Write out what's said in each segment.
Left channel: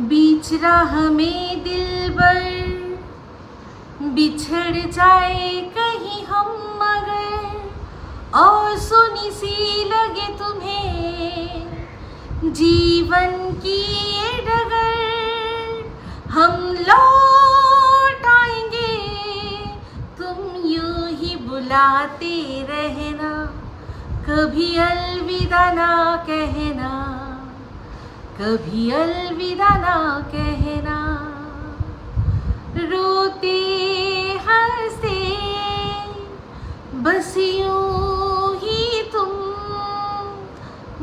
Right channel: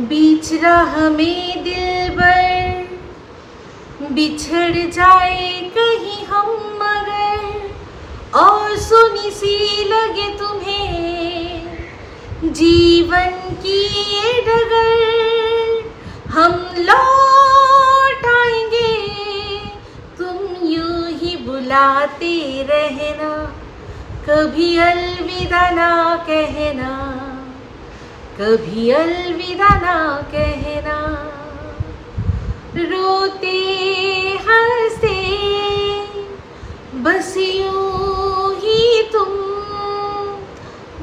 बीच राह में दिलबर बिछड़ जाए कहीं हम मगर और सुनी सी लगे तुम्हें जीवन की ये डगर, हम लौट आएंगे तुम यूं ही बुलाते रहना, कभी अलविदा ना कहना, कभी अलविदा ना कहना। रोते हंसते बस यूं ही तुम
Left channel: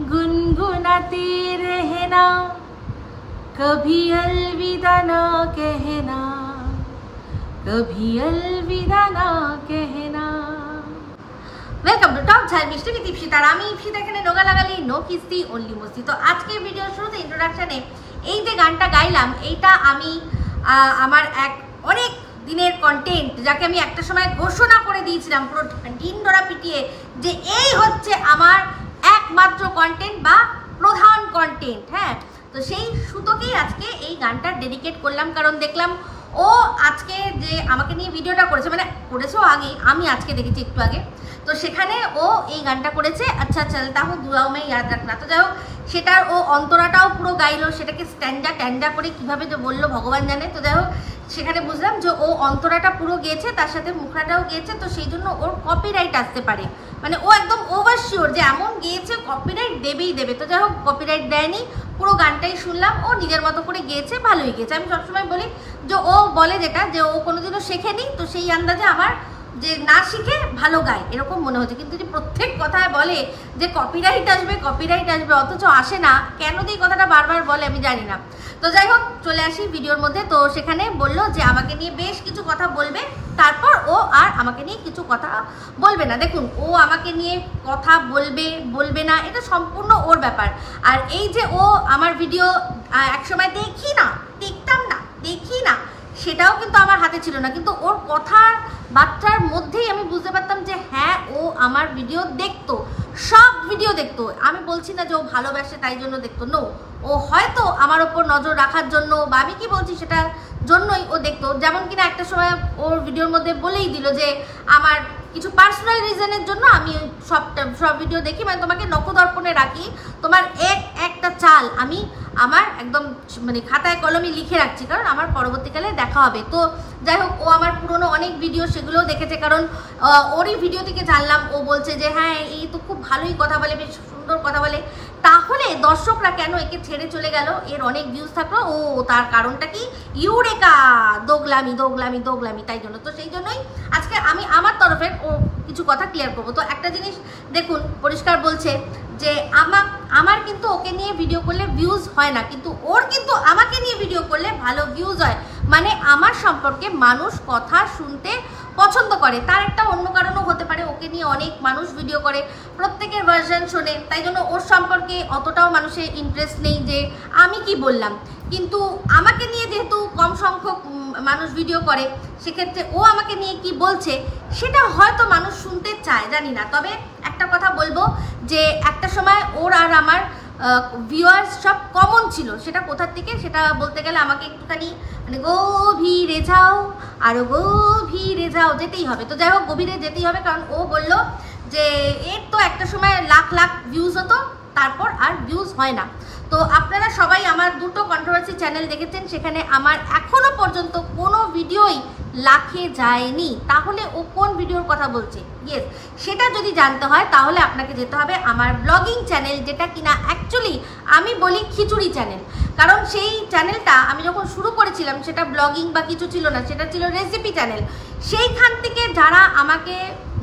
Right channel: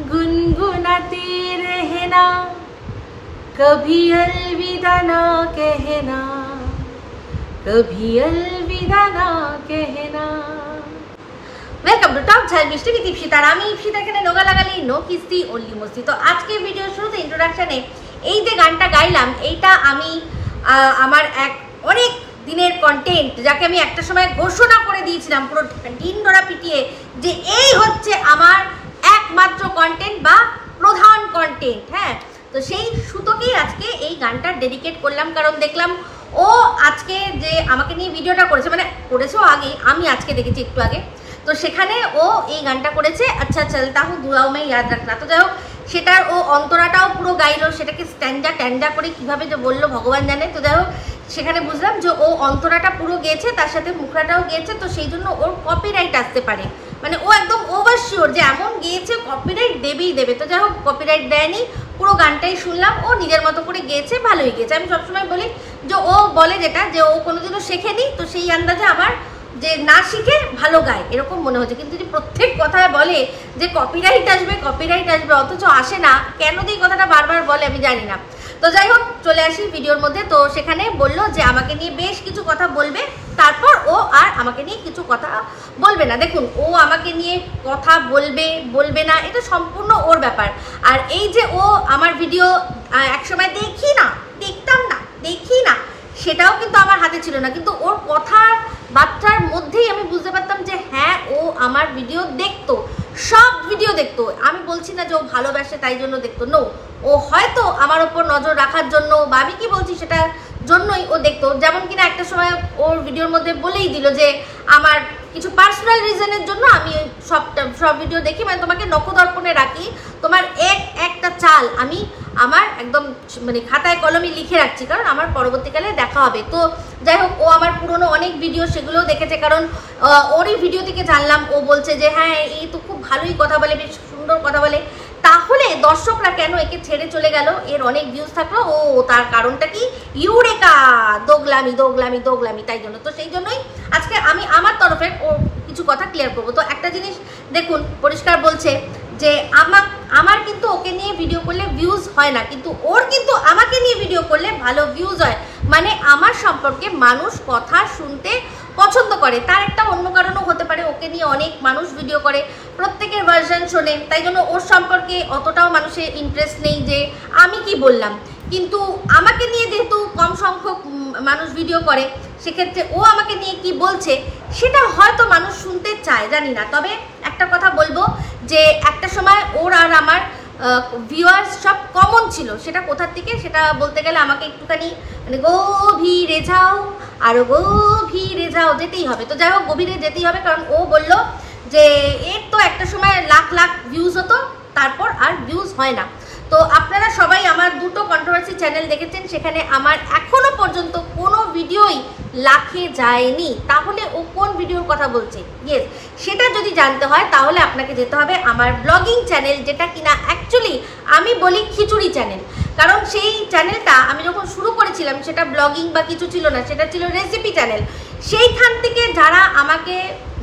गुनगुनाते रहना, कभी अलविदा ना कहना, कभी अलविदा ना कहना। वेलकम टू टॉक झाल मिष्टी विद इप्सिता। আমি ইপসিতা এখানে নোগা লাগালি নো কিস্তি অনলি মস্তি। তো আজকে ভিডিওর শুরুতে ইন্ট্রোডাকশনে এই যে গানটা গাইলাম, এইটা আমি আমার এক অনেক দিনের কন্টেন্ট, যাকে আমি একটা সময় ঘোষণা করে দিয়েছিলাম পুরো দিন ধরা পিটিয়ে যে এই হচ্ছে আমার একমাত্র কন্টেন্ট বা প্রধান কন্টেন্ট। হ্যাঁ, তো সেই সুতোকেই আজকে এই গানটা ডেডিকেট করলাম, কারণ দেখলাম ও আজকে যে আমাকে নিয়ে ভিডিওটা করেছে, মানে করেছেও আগেই, আমি আজকে দেখেছি একটু আগে, তো সেখানে ও এই গানটা করেছে আচ্ছা চলতা হুঁ দুআও মে ইয়াদ রাখনা। তো যাই হোক, সেটার ও অন্তরাটাও পুরো গাইলো, সেটাকে স্ট্যান্ডা করে কিভাবে যে বললো ভগবান জানে। তো যাই হোক, সেখানে বুঝলাম যে ও অন্তরাটা পুরো গেয়েছে, তার সাথে মুখরাটাও গেয়েছে, তো সেই জন্য ওর কপিরাইট আসতে পারে, মানে ও একদম ওভার শিওর যে এমন গেয়েছে কপিরাইট দেবেই দেবে। তো যাই হোক, কপিরাইট দেয়নি, পুরো গানটাই শুনলাম, ও নিজের মতো করে গেয়েছে, ভালোই গেয়েছে। আমি সবসময় বলি যে ও বলে যেটা যে ও কোনোদিনও শেখেনি, তো সেই আন্দাজে আমার যে না শিখে ভালো গায় এরকম মনে হচ্ছে, কিন্তু যে প্রত্যেক কথায় বলে যে কপিরাইট আসবে অথচ আসে না, কেন এই কথাটা বারবার বলে আমি জানি না। তো যাই হোক, চলে আসি ভিডিওর মধ্যে। তো সেখানে বললো যে আমাকে নিয়ে বেশ কিছু কথা বলবে, তারপর ও আর আমাকে নিয়ে কিছু কথা বলবে না। দেখুন, ও আমাকে নিয়ে কথা বলবে না, এটা সম্পূর্ণ ওর ব্যাপার। আর এই যে ও আমার ভিডিও একসময় দেখি না সেটাও কিন্তু আমার হাতে ছিল না, কিন্তু ওর কথার বার্তার মধ্যেই আমি বুঝতে পারতাম যে হ্যাঁ, ও আমার ভিডিও দেখতো, সব ভিডিও দেখতো। আমি বলছি না যে ও ভালোবাসে তাই জন্য দেখতো, নো, ও হয়তো আমার ওপর নজর রাখার জন্য বা আমি কি বলছি সেটার জন্যই ও দেখতো। যেমন কিনা একটা সময় ওর ভিডিওর মধ্যে বলেই দিল যে আমার কিছু পার্সোনাল রিজনের জন্য আমি সব ভিডিও দেখি, মানে তোমাকে নখদর্পণে রাখি, তোমার একটা চাল আমি আমার একদম মানে খাতায় কলমে লিখে রাখছি, কারণ আমার পরবর্তীকালে দেখা হবে। তো যাই হোক, ও আমার পুরনো অনেক ভিডিও সেগুলোও দেখেছে, কারণ ওরই ভিডিও থেকে জানলাম ও বলছে যে হ্যাঁ এই তো খুব ভালোই কথা বলে, বেশ সুন্দর কথা বলে, তাহলে দর্শকরা কেন একে ছেড়ে চলে গেল? এর অনেক ভিউজ থাকলো, ও তার কারণটা কি? ইউরেকা, দোগলামি, তাই জন্য। তো সেই জন্যই আজকে আমি আমার তরফের ও কিছু কথা ক্লিয়ার করবো। তো একটা জিনিস দেখুন, পরিষ্কার বলছে যে আমার কিন্তু ওকে নিয়ে ভিডিও করলে ভিউজ হয় না, কিন্তু ওর কিন্তু আমাকে নিয়ে ভিডিও করলে ভালো ভিউজ হয়, মানে আমার সম্পর্কে মানুষ কথা শুনতে পছন্দ করে। তার একটা অন্য কারণও হতে পারে, ওকে নিয়ে অনেক মানুষ ভিডিও করে, প্রত্যেকের ভার্সন শোনে, তাই জন্য ওর সম্পর্কে অতটাও মানুষের ইন্টারেস্ট নেই যে আমি কি বললাম। কিন্তু আমাকে নিয়ে যেহেতু কম সংখ্যক মানুষ ভিডিও করে, সেক্ষেত্রে ও আমাকে নিয়ে কি বলছে সেটা হয়তো মানুষ শুনতে চায়, জানি না। তবে একটা কথা বলবো যে একটা সময় ওর আর আমার ভিউয়ার্স সব কমন ছিল, সেটা কোথার থেকে সেটা বলতে গেলে আমাকে একটুখানি মানে গভীরে যাও, আরও গভীরে যাও, যেতেই হবে। তো যাই হোক, গভীরে যেতেই হবে, কারণ ও বলল যে এর তো একটা সময় লাখ ভিউজ হতো, তারপর আর ভিউজ হয় না। তো আপনারা সবাই আমার দুটো কন্ট্রোভার্সি চ্যানেল দেখেছেন, সেখানে আমার এখনো পর্যন্ত কোনো ভিডিওই লাখে যায়নি, তাহলে ও কোন ভিডিওর কথা বলছে? ইয়েস, সেটা যদি জানতে হয় তাহলে আপনাকে যেতে হবে আমার ব্লগিং চ্যানেল, যেটা কিনা অ্যাকচুয়ালি আমি বলি খিচুড়ি চ্যানেল, কারণ সেই চ্যানেলটা আমি যখন শুরু করেছিলাম সেটা ব্লগিং বা কিছু ছিল না, সেটা ছিল রেসিপি চ্যানেল। সেইখান থেকে যারা আমাকে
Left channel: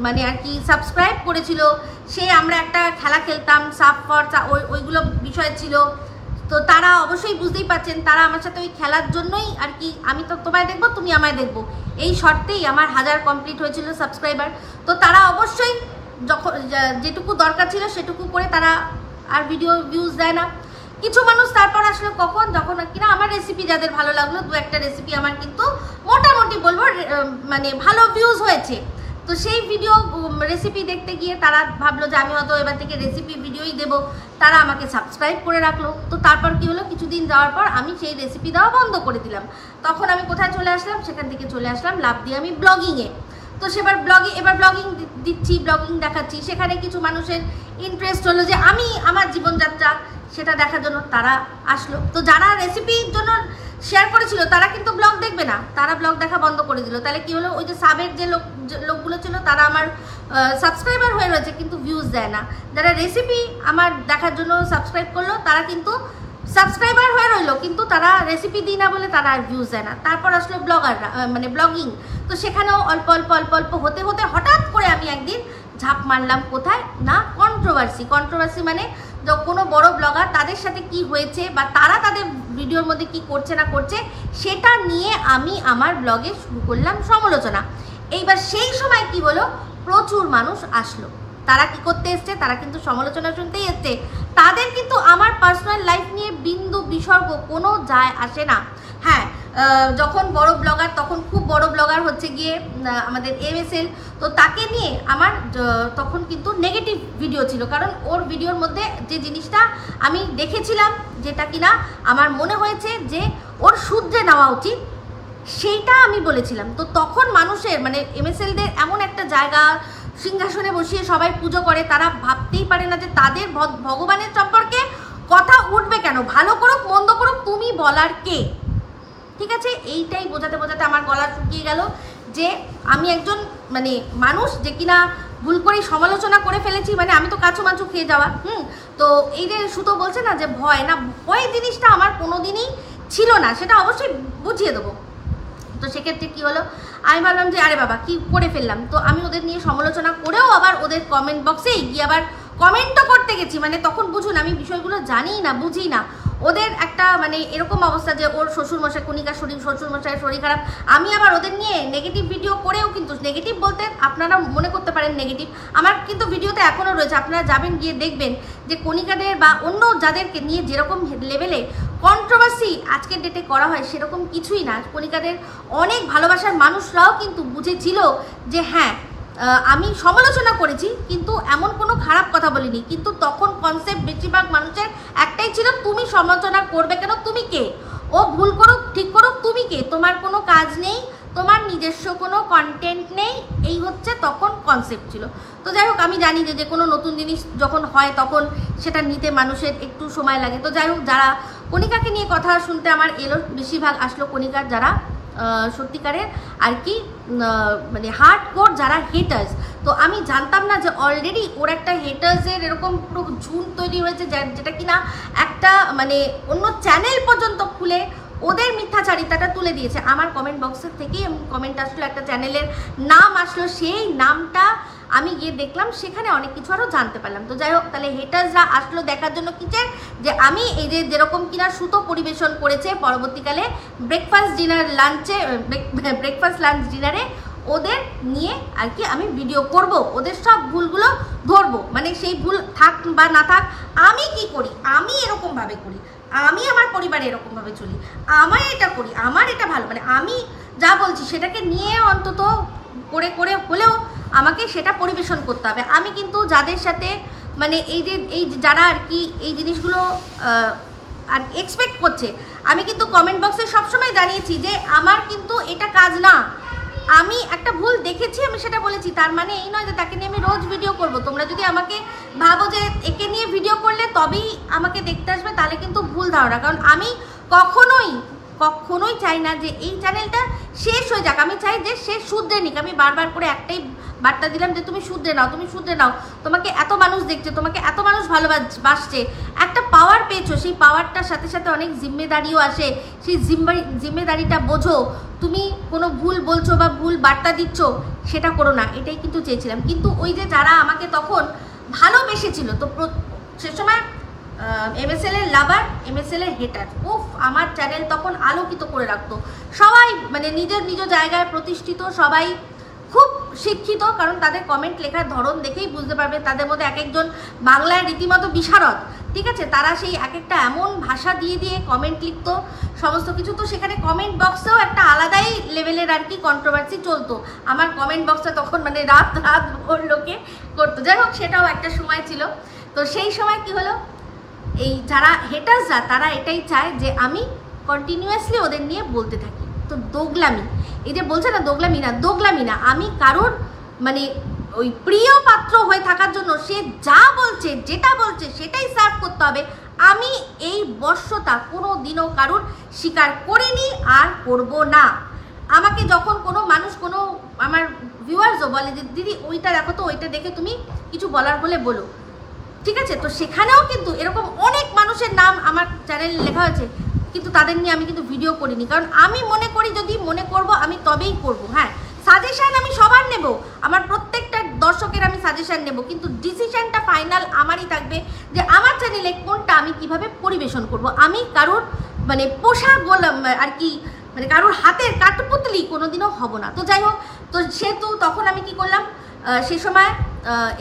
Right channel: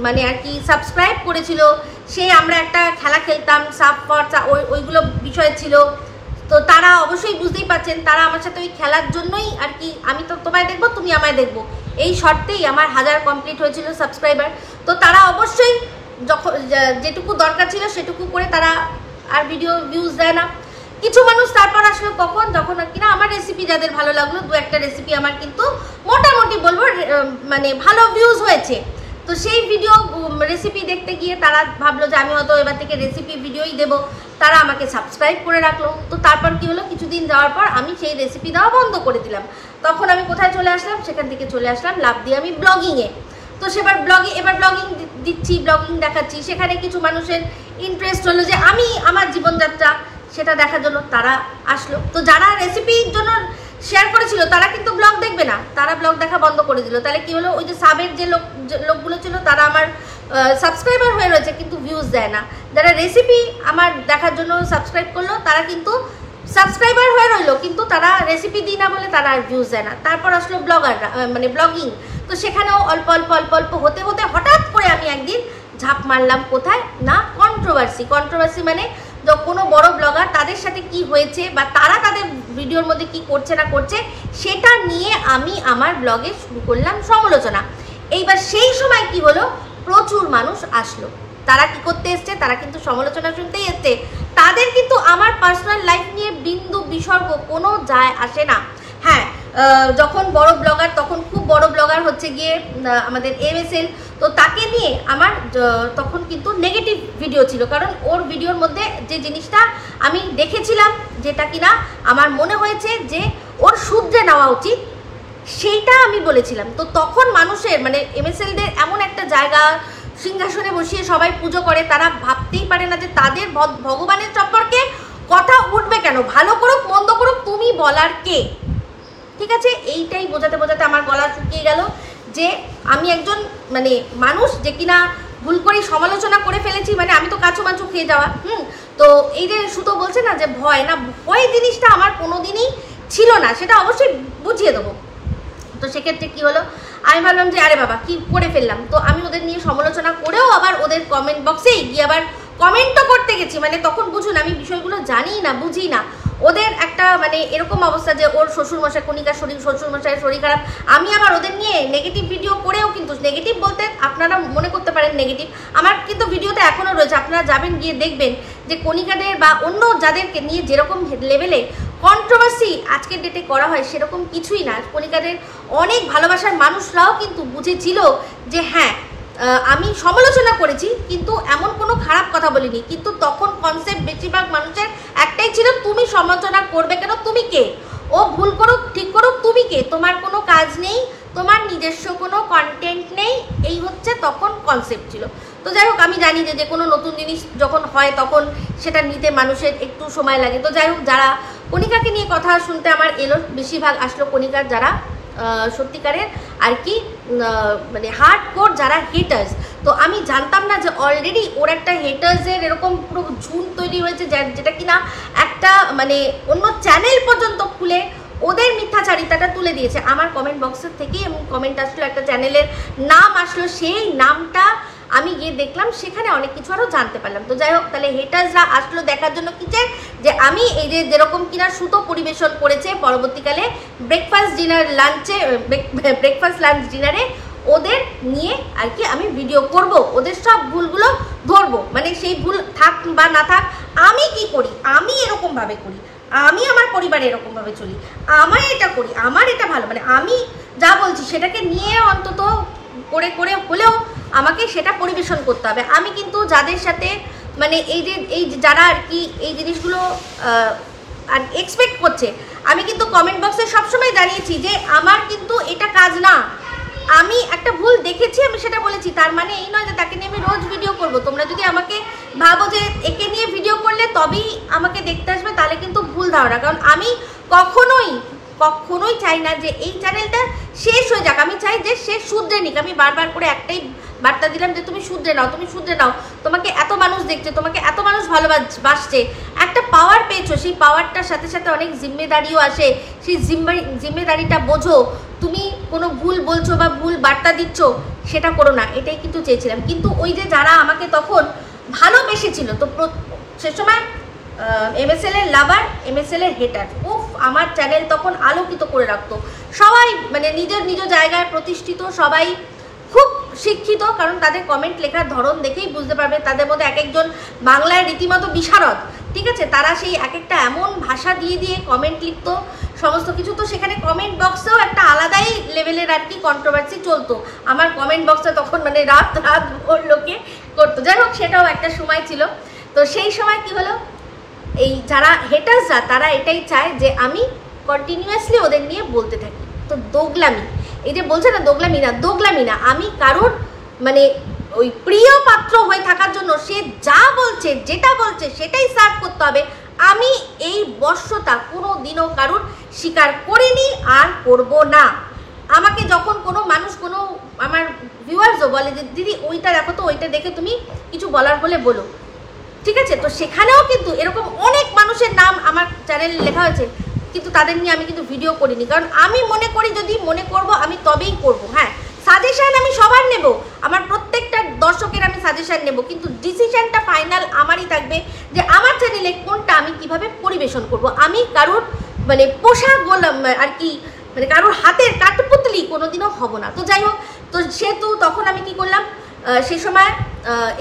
মানে আর কি সাবস্ক্রাইব করেছিল, সেই আমরা একটা খেলা খেলতাম সাপ ফর, ওইগুলো বিষয় ছিল, তো তারা অবশ্যই বুঝতেই পারছেন, তারা আমার সাথে ওই খেলার জন্যই আর কি, আমি তো তোমায় দেখবো তুমি আমায় দেখবো, এই শর্তেই আমার 1000 কমপ্লিট হয়েছিল সাবস্ক্রাইবার। তো তারা অবশ্যই যখন যেটুকু দরকার ছিল সেটুকু করে তারা আর ভিডিও ভিউজ দেয় না। কিছু মানুষ তারপর আসলে কখন, যখন কিনা আমার রেসিপি যাদের ভালো লাগলো, দু একটা রেসিপি আমার কিন্তু মোটামুটি বলবো মানে ভালো ভিউজ হয়েছে, তো সেই ভিডিও রেসিপি দেখতে গিয়ে তারা ভাবলো যে আমি হয়তো এবার থেকে রেসিপি ভিডিওই দেবো, তারা আমাকে সাবস্ক্রাইব করে রাখলো। তো তারপর কি হলো, কিছুদিন যাওয়ার পর আমি সেই রেসিপি দেওয়া বন্ধ করে দিলাম। তখন আমি কোথায় চলে আসলাম, সেখান থেকে চলে আসলাম লাভ দিয়ে আমি ব্লগিংয়ে। তো সেবার ব্লগিং দিচ্ছি, ব্লগিং দেখাচ্ছি, সেখানে কিছু মানুষের ইন্টারেস্ট হলো যে আমি আমার জীবনযাত্রা সেটা দেখার জন্য তারা আসলো। তো যারা রেসিপির জন্য শেয়ার করেছিল তারা কিন্তু ব্লগ দেখবে না, তারা ব্লগ দেখা বন্ধ করে দিল। তাহলে কি হলো, ওই যে সাবের যে লোকগুলো ছিল তারা আমার সাবস্ক্রাইবার হয়ে রয়েছে কিন্তু ভিউজ দেয় না। যারা রেসিপি আমার দেখার জন্য সাবস্ক্রাইব করলো তারা কিন্তু সাবস্ক্রাইবার হয়ে রইলো, কিন্তু তারা রেসিপি দিই না বলে তারা আর ভিউজ দেয় না। তারপর আসলো ব্লগাররা, মানে ব্লগিং। তো সেখানেও অল্প অল্প অল্প অল্প হতে হতে হঠাৎ করে আমি একদিন ঝাঁপ মারলাম কোথায় না, কন্ট্রোভার্সি মানে কোনো বড় ব্লগার তাদের সাথে কি হয়েছে বা তারা তাদের ভিডিওর মধ্যে কি করছে না করছে সেটা নিয়ে আমি আমার ব্লগে শুরু করলাম সমালোচনা। এইবার সেই সময় কি হলো, প্রচুর মানুষ আসলো। তারা কি করতে এসছে, তারা কিন্তু সমালোচনা শুনতেই এসছে। তাদের কিন্তু আমার পার্সোনাল লাইফ নিয়ে বিন্দু বিসর্গ কোনো যায় আসে না। হ্যাঁ, যখন বড় ব্লগার, তখন খুব বড় ব্লগার হচ্ছে গিয়ে আমাদের MSL, তো তাকে নিয়ে আমার তখন কিন্তু নেগেটিভ ভিডিও ছিল, কারণ ওর ভিডিওর মধ্যে যে জিনিসটা আমি দেখেছিলাম, যেটা কিনা আমার মনে হয়েছে যে ওর শুধরে নেওয়া উচিত, সেইটা আমি বলেছিলাম। তো তখন মানুষের মানে MSLদের এমন একটা জায়গা, সিংহাসনে বসিয়ে সবাই পুজো করে, তারা ভাবতেই পারে না যে তাদের ভগবানের সম্পর্কে কথা উঠবে কেন। ভালো করুক মন্দ করুক তুমি বলার কে, ঠিক আছে? এইটাই বোঝাতে বোঝাতে আমার গলা শুকিয়ে গেল যে আমি একজন মানে মানুষ যে কিনা ভুল করেই সমালোচনা করে ফেলেছি, মানে আমি তো কাছু মাছু খেয়ে যাওয়া। তো এই যে সুতো বলছে না যে ভয়, না ভয় জিনিসটা আমার কোনোদিনই ছিল না, সেটা অবশ্যই বুঝিয়ে দেবো। তো সেক্ষেত্রে কি হলো, আমি ভাবলাম যে আরে বাবা কি করে ফেললাম। তো আমি ওদের নিয়ে সমালোচনা করেও আবার ওদের কমেন্ট বক্সেই গিয়ে আবার কমেন্টও করতে গেছি। মানে তখন বুঝুন আমি বিষয়গুলো জানি না, বুঝি না। ওদের একটা মানে এরকম অবস্থা যে ওর শ্বশুরমশাই, কণিকার শ্বশুরমশাইয়ের শরীর খারাপ, আমি আবার ওদের নিয়ে নেগেটিভ ভিডিও করেও, কিন্তু নেগেটিভ বলতে আপনারা মনে করতে পারেন নেগেটিভ, আমার কিন্তু ভিডিওতে এখনও রয়েছে, আপনারা যাবেন গিয়ে দেখবেন যে কণিকাদের বা অন্য যাদেরকে নিয়ে যেরকম লেভেলে কন্ট্রোভার্সি আজকের ডেটে করা হয় সেরকম কিছুই না। কণিকাদের অনেক ভালোবাসার মানুষরাও কিন্তু বুঝেছিল যে হ্যাঁ আমি সমালোচনা করেছি কিন্তু এমন কোনো খারাপ কথা বলিনি, কিন্তু তখন কনসেপ্ট বেশিরভাগ মানুষের একটাই ছিল, তুমি সমালোচনা করবে কেন, তুমি কে, ও ভুল করুক ঠিক করুক তুমি কে, তোমার কোনো কাজ নেই, তোমার নিজস্ব কোনো কন্টেন্ট নেই, এই হচ্ছে তখন কনসেপ্ট ছিল। তো যাই হোক, আমি জানি যে কোনো নতুন জিনিস যখন হয় তখন সেটা নিতে মানুষের একটু সময় লাগে। তো যাই হোক, যারা কণিকাকে নিয়ে কথা শুনতে আমার এলো, বেশিরভাগ আসলো কণিকার যারা সত্যিকারের আর কি মানে হার্ডকোর যারা হেটার্স। তো আমি জানতাম না যে অলরেডি ওর একটা হেটার্সের এরকম পুরো ঝুঁক তৈরি হয়েছে, যেটা কিনা একটা মানে অন্য চ্যানেল পর্যন্ত খুলে ওদের মিথ্যাচারিতাটা তুলে দিয়েছে আমার কমেন্ট বক্সের থেকে। এবং কমেন্ট আসলো, একটা চ্যানেলের নাম আসলো, সেই নামটা আমি গিয়ে দেখলাম, সেখানে অনেক কিছু আরও জানতে পারলাম। তো যাই হোক, তাহলে হেটার্সরা আসলো দেখার জন্য কি চাই, যে আমি এই যে যেরকম কিনা সুতো পরিবেশন করেছে পরবর্তীকালে ব্রেকফাস্ট লাঞ্চ ডিনারে ওদের নিয়ে আর কি আমি ভিডিও করব, ওদের সব ভুলগুলো ধরবো। মানে সেই ভুল থাক বা না থাক, আমি কি করি, আমি এরকমভাবে করি, আমি আমার পরিবারে এরকমভাবে চলি, আমার এটা করি, আমার এটা ভালো, মানে আমি যা বলছি সেটাকে নিয়ে অন্তত করে করে হলেও আমাকে সেটা পরিবেশন করতে হবে। আমি কিন্তু যাদের সাথে মানে এই যারা আর কি এই জিনিসগুলো আর এক্সপেক্ট করছে, আমি কিন্তু কমেন্ট বক্সে সবসময় জানিয়েছি যে আমার কিন্তু এটা কাজ না, আমি একটা ভুল দেখেছি আমি সেটা বলেছি, তার মানে এই নয় যে তাকে নিয়ে আমি রোজ ভিডিও করব। তোমরা যদি আমাকে ভাবো যে একে নিয়ে ভিডিও করলে তবেই আমাকে দেখতে আসবে, তাহলে কিন্তু ভুল ধারণা। কারণ আমি কখনোই চাই না যে এই চ্যানেলটা শেষ হয়ে যাক, আমি চাই যে সে শুধরে নিক। আমি বারবার করে একটাই বার্তা দিলাম যে তুমি শুধরে নাও, তুমি শুধরে নাও, তোমাকে এত মানুষ দেখছে, তোমাকে এত মানুষ ভালোবাসছে, একটা পাওয়ার পেয়েছো, সেই পাওয়ারটার সাথে সাথে অনেক জিম্মেদারিও আসে, সেই জিম্মেদারিটা বোঝো। তুমি কোনো ভুল বলছো বা ভুল বার্তা দিচ্ছ সেটা করো না, এটাই কিন্তু চেয়েছিলাম। কিন্তু ওই যে যারা আমাকে তখন ভালোবেসেছিল, তো সে সময় MSL এর লাভার, MSL এর হেটার, আমার চ্যানেল তখন আলোকিত করে রাখতো। সবাই মানে নিজ জায়গায় প্রতিষ্ঠিত, সবাই খুব শিক্ষিত, কারণ তাদের কমেন্ট লেখার ধরন দেখেই বুঝতে পারবে, তাদের মধ্যে এক একজন বাংলায় রীতিমতো বিশারদ, ঠিক আছে? তারা সেই এক একটা এমন ভাষা দিয়ে কমেন্ট লিখতো সমস্ত কিছু। তো সেখানে কমেন্ট বক্সেও একটা আলাদাই লেভেলের আর কি কন্ট্রোভার্সি চলতো। আমার কমেন্ট বক্সে তখন মানে রাত ভোর লোকে করতো। যাই হোক, সেটাও একটা সময় ছিল। তো সেই সময় কি হলো, এই যারা হেটার্সরা তারা এটাই চায় যে আমি কন্টিনিউয়াসলি ওদের নিয়ে বলতে থাকি। তো দোগলামি, এই যে বলছে না দোগলামি না, আমি কারোর মানে ওই প্রিয় পাত্র হয়ে থাকার জন্য সে যা বলছে যেটা বলছে সেটাই সার্ভ করতে হবে, আমি এই বশ্যতা কোনো দিনও কারোর স্বীকার করিনি আর করব না। আমাকে যখন কোনো মানুষ, কোনো আমার ভিউয়ার্সও বলে যে দিদি ওইটা দেখো তো, ওইটা দেখে তুমি কিছু বলার হলে বলো, ঠিক আছে, তো সেখানেও কিন্তু এরকম অনেক মানুষের নাম আমার চ্যানেলে লেখা হয়েছে, কিন্তু তাদের নিয়ে আমি কিন্তু ভিডিও করিনি, কারণ আমি মনে করি যদি মনে করব আমি তবেই করব। হ্যাঁ, সাজেশন আমি সবার নেব, আমার প্রত্যেকটা দর্শকের আমি সাজেশন নেব, কিন্তু ডিসিশনটা ফাইনাল আমারই থাকবে যে আমার চ্যানেলে কোনটা আমি কিভাবে পরিবেশন করব। আমি কারোর মানে পোশাক গোলাম আর কি, মানে কারোর হাতের কাঠপুতলি কোনোদিনও হব না। তো যাই হোক, তো সেহেতু তখন আমি কি করলাম, সেই সময়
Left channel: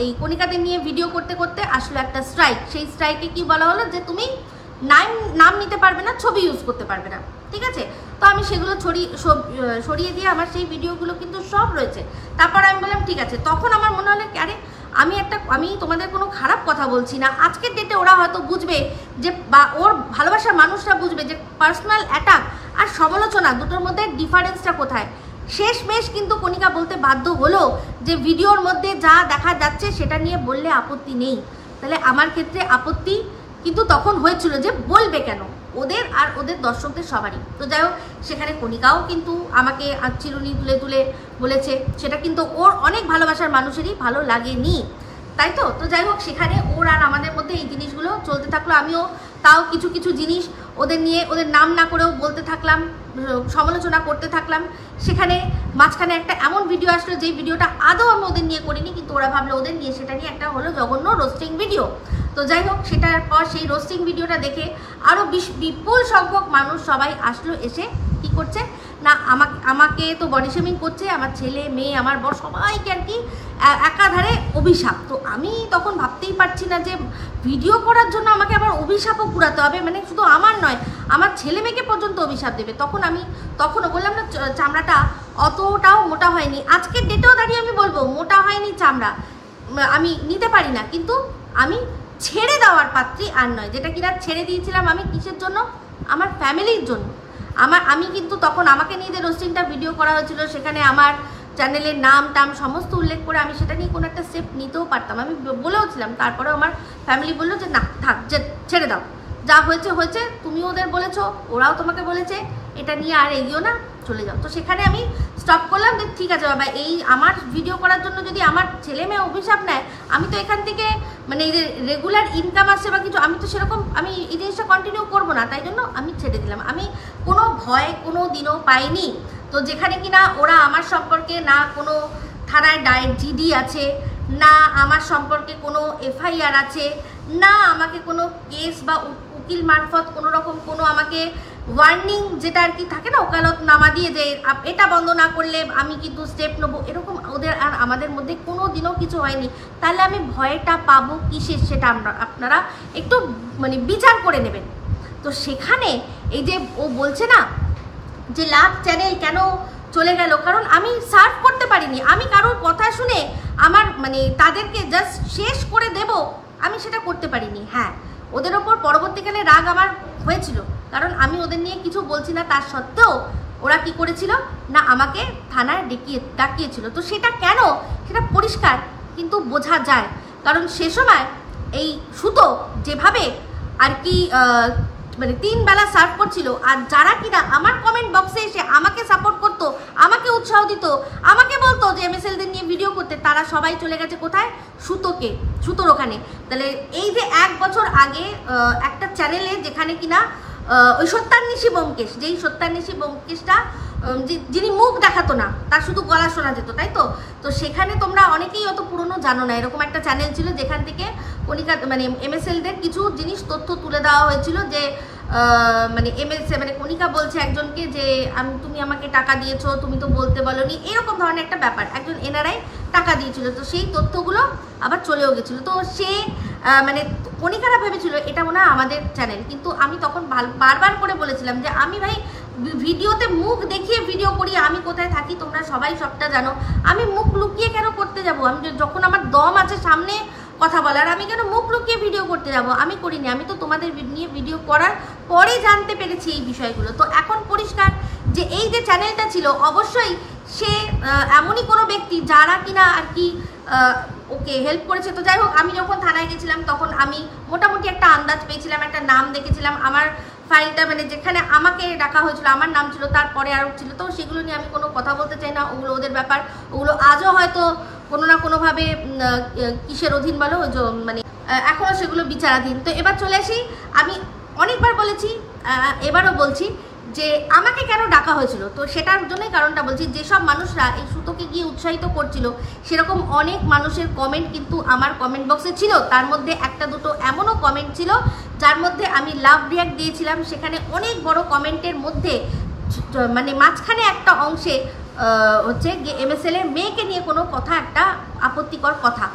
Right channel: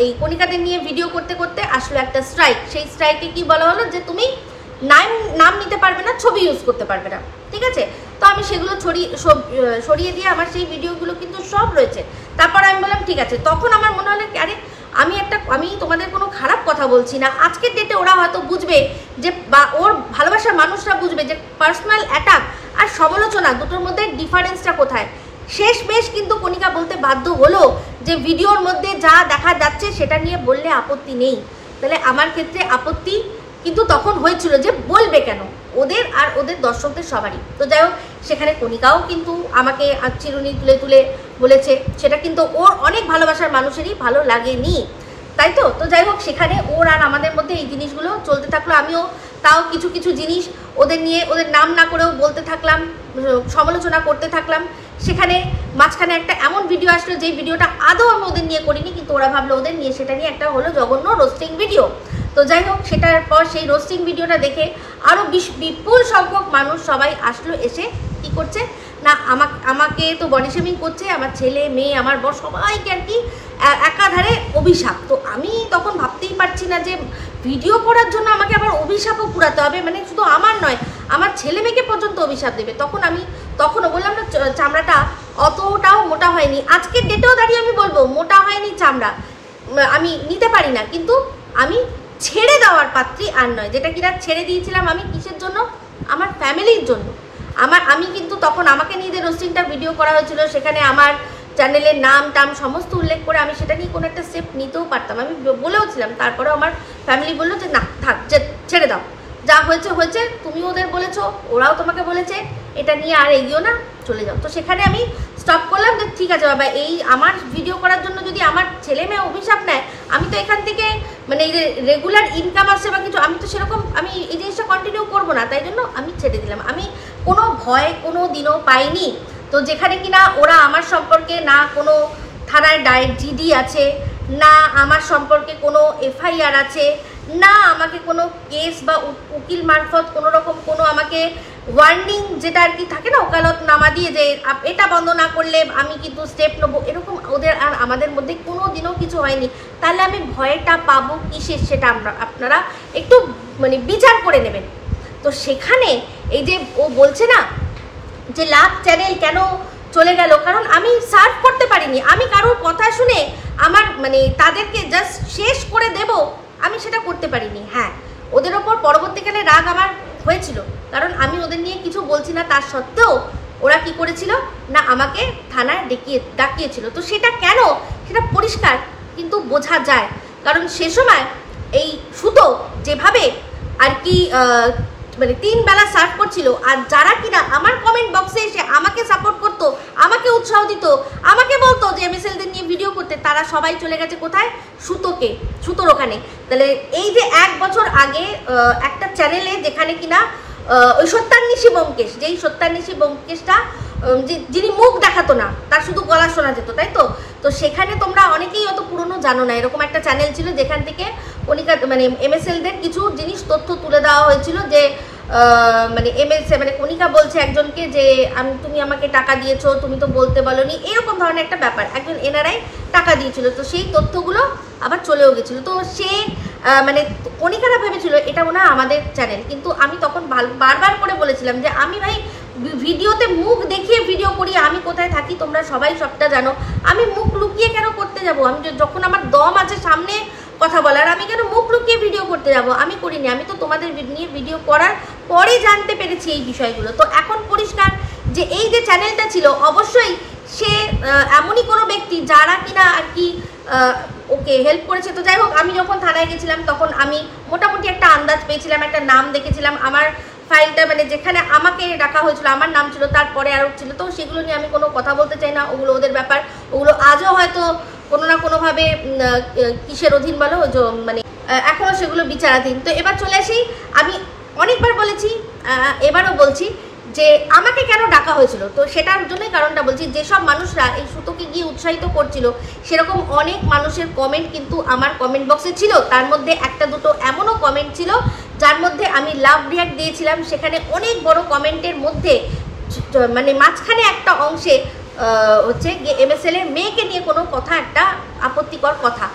এই কণিকাদের নিয়ে ভিডিও করতে করতে আসলো একটা স্ট্রাইক। সেই স্ট্রাইকে কি বলা হলো যে তুমি নাম নিতে পারবে না, ছবি ইউজ করতে পারবে না, ঠিক আছে। তো আমি সেগুলো সরিয়ে দিয়ে আমার সেই ভিডিওগুলো কিন্তু সব রয়েছে। তারপর আমি বললাম ঠিক আছে, তখন আমার মনে হলো আরে আমি তোমাদের কোনো খারাপ কথা বলছি না, আজকের ডেটে ওরা হয়তো বুঝবে যে, বা ওর ভালোবাসার মানুষরা বুঝবে যে পার্সোনাল অ্যাটাক আর সমালোচনা দুটোর মধ্যে ডিফারেন্সটা কোথায়। শেষমেশ কিন্তু কণিকা বলতে বাধ্য হলো যে ভিডিওর মধ্যে যা দেখা যাচ্ছে সেটা নিয়ে বললে আপত্তি নেই। তাহলে আমার ক্ষেত্রে আপত্তি কিন্তু তখন হয়েছিল যে বলবে কেন, ওদের আর ওদের দর্শকদের সবারই। তো যাই হোক, সেখানে কণিকাও কিন্তু আমাকে চিরুনি তুলে তুলে বলেছে, সেটা কিন্তু ওর অনেক ভালোবাসার মানুষেরই ভালো লাগেনি, তাই তো। তো যাই হোক, সেখানে ওর আর আমাদের মধ্যে এই জিনিসগুলো চলতে থাকলো। আমিও তাও কিছু কিছু জিনিস ওদের নিয়ে, ওদের নাম না করেও বলতে থাকলাম, সমালোচনা করতে থাকলাম। সেখানে মাঝখানে একটা এমন ভিডিও আসলো যে ভিডিওটা আদৌ আমি ওদের নিয়ে করিনি, কিন্তু ওরা ভাবলো ওদের নিয়ে, সেটা নিয়ে একটা হলো জঘন্য রোস্টিং ভিডিও। তো যাই হোক, সেটার পর সেই রোস্টিং ভিডিওটা দেখে আরও বিপুল সংখ্যক মানুষ সবাই আসলো, এসে কি করছে না আমাকে তো বডি শেমিং করছে, আমার ছেলে মেয়ে আমার বর সবাইকে আর কি একাধারে অভিশাপ। তো আমি তখন ভাবতেই পারছি না যে ভিডিও করার জন্য আমাকে আবার অভিশাপও পুরাতে হবে, মানে শুধু আমার নয় আমার ছেলে মেয়েকে পর্যন্ত অভিশাপ দেবে। তখনও বললাম না চামড়াটা অতটাও মোটা হয়নি, আজকের ডেটেও দাঁড়িয়ে আমি বলবো মোটা হয়নি চামড়া, আমি নিতে পারি না, কিন্তু আমি ছেড়ে দেওয়ার পাত্রী আর নয়। যেটা কিনা ছেড়ে দিয়েছিলাম আমি কিসের জন্য, আমার ফ্যামিলির জন্য। আমি কিন্তু তখন আমাকে নিয়ে যে রোস্টিংটা ভিডিও করা হয়েছিল, সেখানে আমার চ্যানেলের নাম টাম সমস্ত উল্লেখ করে আমি সেটা নিয়ে কোনো একটা স্টেপ নিতেও পারতাম, আমি বলেওছিলাম। তারপরে আমার ফ্যামিলি বললো যে না থাক, যে ছেড়ে দাও, যা হয়েছে হয়েছে, তুমি ওদের বলেছো, ওরাও তোমাকে বলেছে, এটা নিয়ে আর এগিয়েও না, চলে যাও। তো সেখানে আমি স্টপ করলাম যে ঠিক আছে বাবা, এই আমার ভিডিও করার জন্য যদি আমার ছেলে মেয়ে অভিশাপ নেয়, আমি তো এখান থেকে মানে এই যে রেগুলার ইনকাম আসছে বা কিছু, আমি তো সেরকম আমি এই জিনিসটা কন্টিনিউ করবো না, তাই জন্য আমি ছেড়ে দিলাম। আমি কোনো ভয় কোনো দিনও পাইনি। তো যেখানে কিনা ওরা আমার সম্পর্কে না কোনো থানায় জিডি আছে, না আমার সম্পর্কে কোনো এফআইআর আছে, না আমাকে কোনো কেস বা উকিল মারফত কোনো রকম কোনো আমাকে ওয়ার্নিং যেটা আর কি থাকে না, ওকালত নামা দিয়ে যে এটা বন্ধ না করলে আমি কিন্তু স্টেপ নেবো, এরকম ওদের আর আমাদের মধ্যে কোনো দিনও কিছু হয়নি। তাহলে আমি ভয়টা পাবো কিসের, সেটা আপনারা একটু মানে বিচার করে নেবেন। তো সেখানে এই যে ও বলছে না যে লাভ চ্যানেল কেন চলে গেল, কারণ আমি সার্ভ করতে পারিনি, আমি কারোর কথা শুনে আমার মানে তাদেরকে জাস্ট শেষ করে দেব, আমি সেটা করতে পারিনি। হ্যাঁ, ওদের ওপর পরবর্তীকালে রাগ আমার হয়েছিল, কারণ আমি ওদের নিয়ে কিছু বলছি না, তার সত্ত্বেও ওরা কি করেছিল না আমাকে থানায় ডাকিয়েছিল। তো সেটা কেন, সেটা পরিষ্কার কিন্তু বোঝা যায়, কারণ সে সময় এই সুতো যেভাবে আর কি মানে 3 বেলা সার্ভ করছিল, আর যারা কিনা আমার কমেন্ট বক্সে এসে আমাকে সাপোর্ট করতো, আমাকে উৎসাহ দিত, আমাকে বলতো যে এমএসএলদের নিয়ে ভিডিও করতে, তারা সবাই চলে গেছে কোথায়, সুতোর ওখানে। তাহলে এই যে 1 বছর আগে একটা চ্যানেলে যেখানে কিনা ওই সত্যান্বেষী ব্যোমকেশ, যেই সত্যান্বেষী ব্যোমকেশটা যিনি মুখ দেখাতো না, তার শুধু গলা শোনা যেত, তাই তো। তো সেখানে তোমরা অনেকেই অত পুরনো জানো না, এরকম একটা চ্যানেল ছিল যেখান থেকে কণিকা মানে এমএসএলদের কিছু জিনিস তথ্য তুলে দেওয়া হয়েছিল, যে মানে মানে কণিকা বলছে একজনকে যে তুমি আমাকে টাকা দিয়েছো, তুমি তো বলতে বলোনি, এরকম ধরনের একটা ব্যাপার, একজন এনআরআই টাকা দিয়েছিল। তো সেই তথ্যগুলো আবার চলেও গেছিলো। তো সে মানে কণিকারা ভেবেছিল এটা মনে হয় আমাদের চ্যানেল, কিন্তু আমি তখন বারবার করে বলেছিলাম যে আমি ভাই ভিডিওতে মুখ দেখিয়ে ভিডিও করি, আমি কোথায় থাকি তোমরা সবাই সবটা জানো, আমি মুখ লুকিয়ে কেন করতে যাব, আমি যখন আমার দম আছে সামনে কথা বলার, আমি কেন মুখ লুকিয়ে ভিডিও করতে যাব? আমি করিনি, আমি তো তোমাদের নিয়ে ভিডিও করার পরে জানতে পেরেছি এই বিষয়গুলো। তো এখন পরিষ্কার যে এই যে চ্যানেলটা ছিল অবশ্যই সে এমনই কোনো ব্যক্তি যারা কিনা আর কি ওকে হেল্প করেছে। তো যাই হোক, আমি যখন থানায় গেছিলাম তখন আমি মোটামুটি একটা আন্দাজ পেয়েছিলাম, একটা নাম দেখেছিলাম, আমার ফাইলটা মানে যেখানে আমাকে ডাকা হয়েছিল আমার নাম ছিল, তারপরে আরও ছিল। তো সেগুলো নিয়ে আমি কোনো কথা বলতে চাই না, ওগুলো ওদের ব্যাপার, ওগুলো আজও হয়তো কোনো না কোনোভাবে কিসের অধীন বলো, ওই যে মানে এখনও সেগুলো বিচারাধীন। তো এবার চলে আসি, আমি অনেকবার বলেছি, এবারও বলছি যে আমাকে কেন ডাকা হয়েছিল। তো সেটার জন্যই কারণটা বলছি, যেসব মানুষরা এই সুতোকে গিয়ে উৎসাহিত করছিল সেরকম অনেক মানুষের কমেন্ট কিন্তু আমার কমেন্ট বক্সে ছিল। তার মধ্যে একটা দুটো এমনও কমেন্ট ছিল যার মধ্যে আমি লাভ রিয়াক্ট দিয়েছিলাম। সেখানে অনেক বড় কমেন্টের মধ্যে মানে মাঝখানে একটা অংশে হচ্ছে গিয়ে MSL এর মেয়েকে নিয়ে কোনো কথা, একটা আপত্তিকর কথা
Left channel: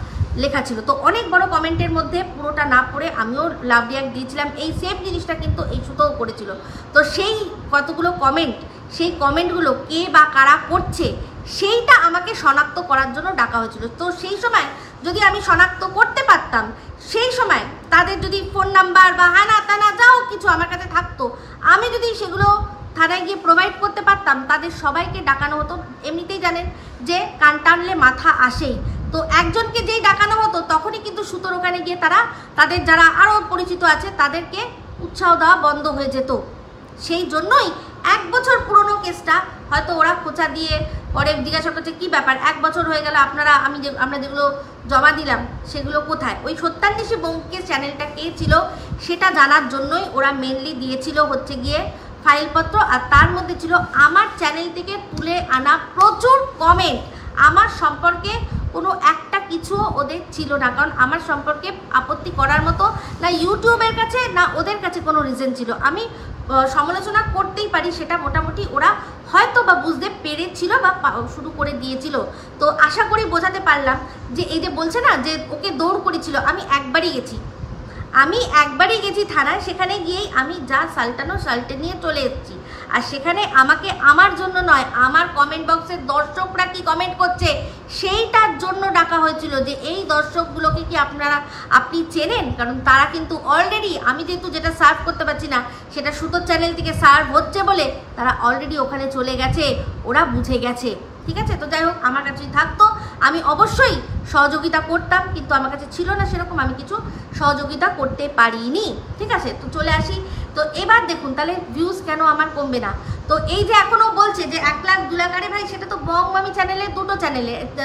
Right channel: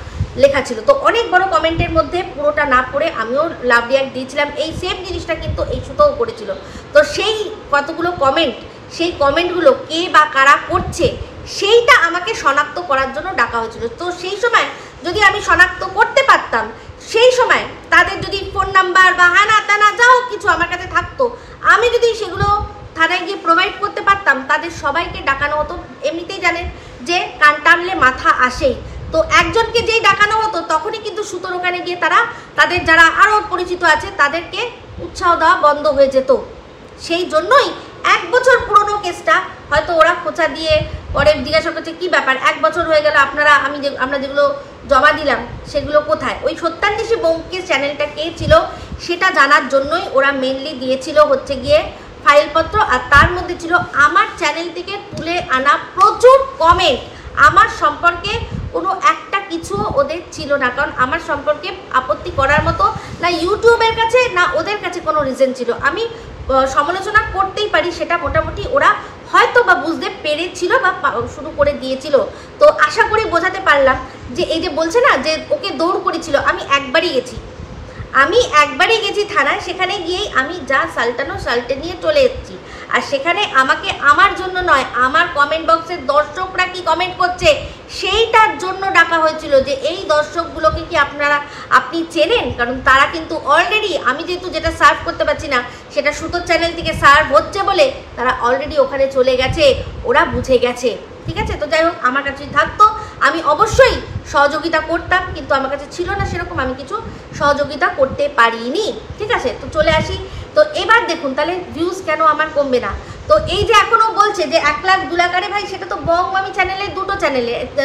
লেখা ছিল। তো অনেক বড় কমেন্টের মধ্যে পুরোটা না পড়ে আমিও লাভ রিয়াক্ট দিয়েছিলাম। এই সেম জিনিসটা কিন্তু এই সুতোও করেছিল। তো সেই কতগুলো কমেন্ট, সেই কমেন্টগুলো কে বা কারা করছে সেইটা আমাকে শনাক্ত করার জন্য ডাকা হয়েছিল। তো সেই সময় যদি আমি শনাক্ত করতে পারতাম, সেই সময় তাদের যদি ফোন নাম্বার বা হানা তানা যাও কিছু আমার কাছে থাকতো, আমি যদি সেগুলো থানায় গিয়ে প্রোভাইড করতে পারতাম, তাদের সবাইকে ডাকানো হতো। এমনিতেই জানেন যে কান টানলে মাথা আসেই। তো একজনকে যেই ডাকানো হতো তখনই কিন্তু সুতোর ওখানে গিয়ে তারা তাদের যারা আরও পরিচিত আছে তাদেরকে উৎসাহ দেওয়া বন্ধ হয়ে যেত। সেই জন্যই 1 বছর পুরনো কেসটা হয়তো ওরা খোঁচা দিয়ে পরে জিজ্ঞাসা করছে কী ব্যাপার, 1 বছর হয়ে গেল আপনারা আমরা যেগুলো জমা দিলাম সেগুলো কোথায়। ওই সত্যান্বেষী ব্যোমকেশ চ্যানেলটা কে ছিল সেটা জানার জন্যই ওরা মেনলি দিয়েছিল হচ্ছে গিয়ে ফাইলপত্র। আর তার মধ্যে ছিল আমার চ্যানেল থেকে তুলে আনা প্রচুর কমেন্ট। আমার সম্পর্কে কোনো একটা কিছু ওদের ছিল না, কারণ আমার সম্পর্কে আপত্তি করার মতো না ইউটিউবের কাছে না ওদের কাছে কোনো রিজন ছিল। আমি সমালোচনা করতেই পারি, সেটা মোটামুটি ওরা হয়তো বা বুঝতে পেরেছিল বা শুরু করে দিয়েছিল। তো আশা করি বোঝাতে পারলাম যে এই যে বলছে না যে ওকে দৌড় করেছিল, আমি একবারই গেছি থানায়। সেখানে গিয়েই আমি যা সাল্টে নিয়ে চলে এসেছি। আর সেখানে আমাকে আমার জন্য নয়, আমার কমেন্ট বক্সের দর্শকরা কি কমেন্ট করছে সেইটার জন্য ডাকা হয়েছিল যে এই দর্শকগুলোকে কি আপনি চেনেন। কারণ তারা কিন্তু অলরেডি, আমি যেহেতু যেটা সার্ভ করতে পারছি না সেটা সুতোর চ্যানেল থেকে সার্ভ হচ্ছে বলে তারা অলরেডি ওখানে চলে গেছে, ওরা বুঝে গেছে। ঠিক আছে, তো যাই হোক, আমার কাছে থাকতো আমি অবশ্যই সহযোগিতা করতাম, কিন্তু আমার কাছে ছিল না সেরকম, আমি কিছু সহযোগিতা করতে পারিনি। ঠিক আছে, তো চলে আসি। তো এবার দেখুন তাহলে ভিউজ কেন আমার কমবে না। তো এই যে এখনও বলছে যে 1 লাখ 2 লাখ, আরে ভাই সেটা তো বং মামি চ্যানেলে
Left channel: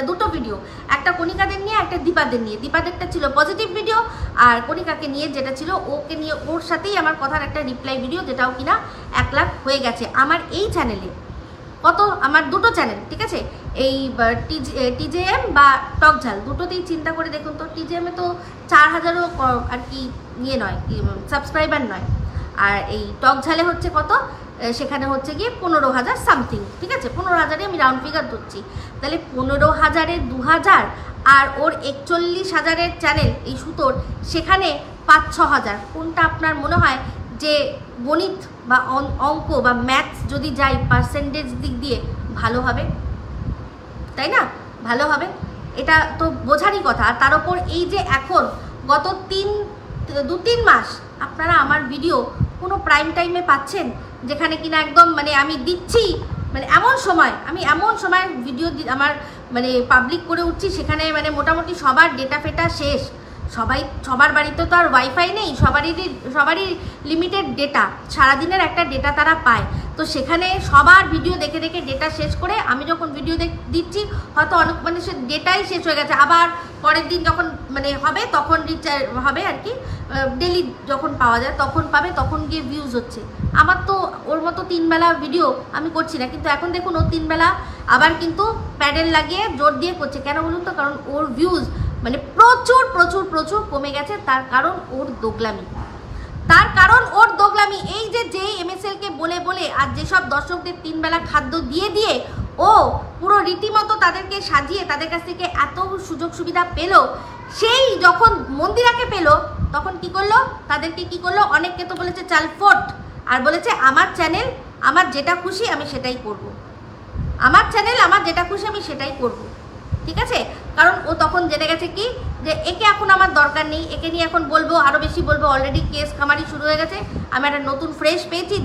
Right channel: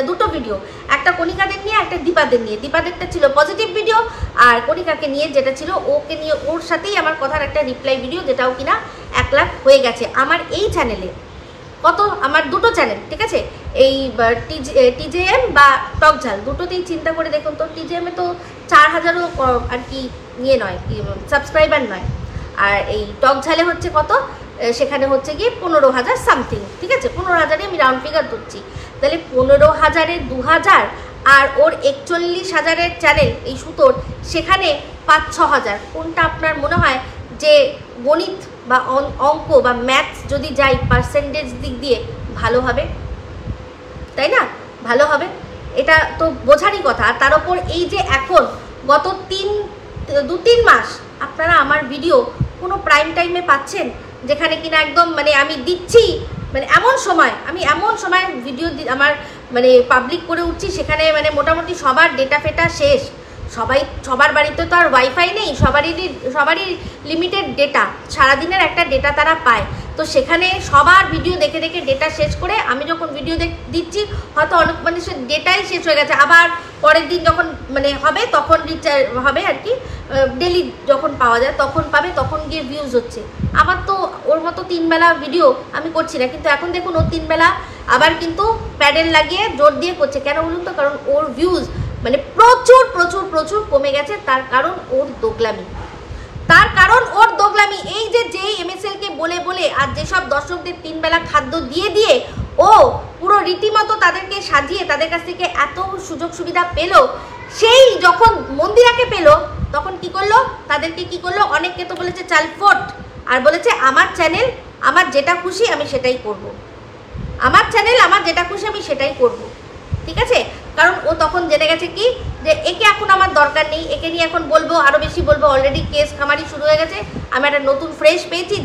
দুটো ভিডিও, একটা কণিকাদের নিয়ে একটা দীপাদের নিয়ে। দীপাদেরটা ছিল পজিটিভ ভিডিও, আর কণিকাকে নিয়ে যেটা ছিল ওকে নিয়ে ওর সাথেই আমার কথার একটা রিপ্লাই ভিডিও, যেটাও কিনা 1 লাখ হয়ে গেছে আমার এই চ্যানেলে। কত, আমার দুটো চ্যানেল, ঠিক আছে, এই TJM বা টকঝাল দুটোতেই চিন্তা করে দেখুন তো। TJM এ তো 4000ও আর কি নিয়ে নয়, সাবস্ক্রাইবার নয়, আর এই টকঝালে হচ্ছে কত, সেখানে হচ্ছে গিয়ে 15,000 সামথিং। ঠিক আছে, 15,000-এ আমি রাউন্ড ফিগার ধরছি। তাহলে 15,000-এ 2,000 আর ওর 41,000-এর চ্যানেল এই সুতোর, সেখানে 5-6 হাজার। কোনটা আপনার মনে হয় যে গণিত বা অঙ্ক বা ম্যাথস যদি যাই পার্সেন্টেজ দিক দিয়ে ভালো হবে, তাই না? ভালো হবে, এটা তো বোঝারই কথা। আর তার ওপর এই যে এখন গত 2-3 মাস আপনারা আমার ভিডিও কোনো প্রাইম টাইমে পাচ্ছেন, যেখানে কিনা একদম মানে আমি দিচ্ছি, মানে এমন সময় ভিডিও আমার মানে পাবলিক করে উঠছি, সেখানে মানে মোটামুটি সবার ডেটা ফেটা শেষ। সবার বাড়িতে তো আর ওয়াইফাই নেই, সবারই লিমিটেড ডেটা, সারাদিনের একটা ডেটা তারা পায়। তো সেখানে সবার ভিডিও দেখে দেখে ডেটা শেষ করে আমি যখন ভিডিও দিচ্ছি হয়তো অনেক মানুষের ডেটাই শেষ হয়ে গেছে, আবার পরের দিন যখন মানে হবে তখন রিচার্জ হবে আর কি, ডেলি যখন পাওয়া যায় তখন পাবে, তখন গিয়ে ভিউজ হচ্ছে। আমার তো ওর মতো 3 বেলা ভিডিও আমি করছি না, কিন্তু এখন দেখুন ও 3 বেলা আবার কিন্তু প্যাডেল লাগিয়ে জোর দিয়ে করছে। কেন বলুন তো? কারণ ওর ভিউজ মানে প্রচুর প্রচুর প্রচুর কমে গেছে। তার কারণ ওর দোগলামি, এই যে MSL কে বলে বলে আর যেসব দর্শকদের 3 বেলা খাদ্য দিয়ে ও পুরো রীতিমতো তাদেরকে সাজিয়ে তাদের কাছ থেকে এত সুযোগ সুবিধা পেল, সেই যখন মন্দিরাকে পেল তখন কি করলো, তাদেরকে কি করলো, অনেককে তো বলেছে চালফোট, আর বলেছে আমার চ্যানেল আমার যেটা খুশি আমি সেটাই করব, ঠিক আছে। কারণ ও তখন জেনে গেছে কি যে একে এখন আমার দরকার নেই, একে নিয়ে এখন বলবো আরও বেশি বলবো, অলরেডি কেস খামারি শুরু হয়ে গেছে। আমি একটা নতুন ফ্রেশ পেয়েছি,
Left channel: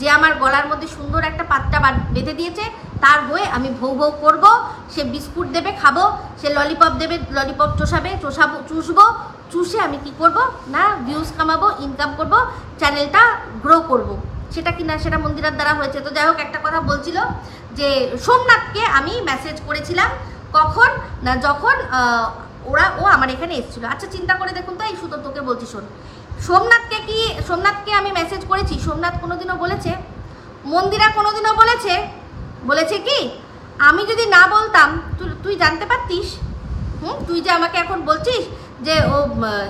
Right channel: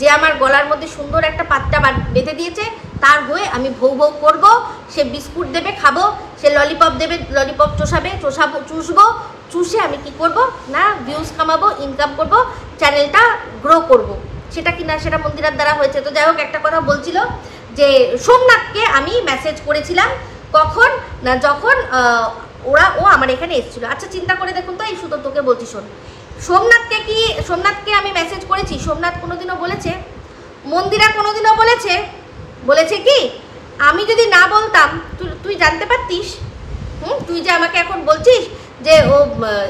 যে আমার গলার মধ্যে সুন্দর একটা পাত্তা বেঁধে দিয়েছে, তার হয়ে আমি ভৌ ভৌ করবো। সে বিস্কুট দেবে খাবো, সে ললিপপ দেবে ললিপপ চুষবো, চুষে আমি কি করব না ভিউজ কামাবো, ইনকাম করব, চ্যানেলটা গ্রো করব। সেটা কিনা সেটা মন্দিরার দ্বারা হয়েছে। তো যাই হোক, একটা কথা বলছিল যে সোমনাথকে আমি মেসেজ করেছিলাম কখন না, যখন ও আমার এখানে এসেছিলো। আচ্ছা চিন্তা করে দেখুন তো, এই সুতো তোকে বলছি শোন, সোমনাথকে আমি মেসেজ করেছি, সোমনাথ কোনোদিনও বলেছে? মন্দিরা কোনোদিনও বলেছে কি আমি যদি না বলতাম তুই জানতে পারতিস? তুই যে আমাকে এখন বলছিস যে ও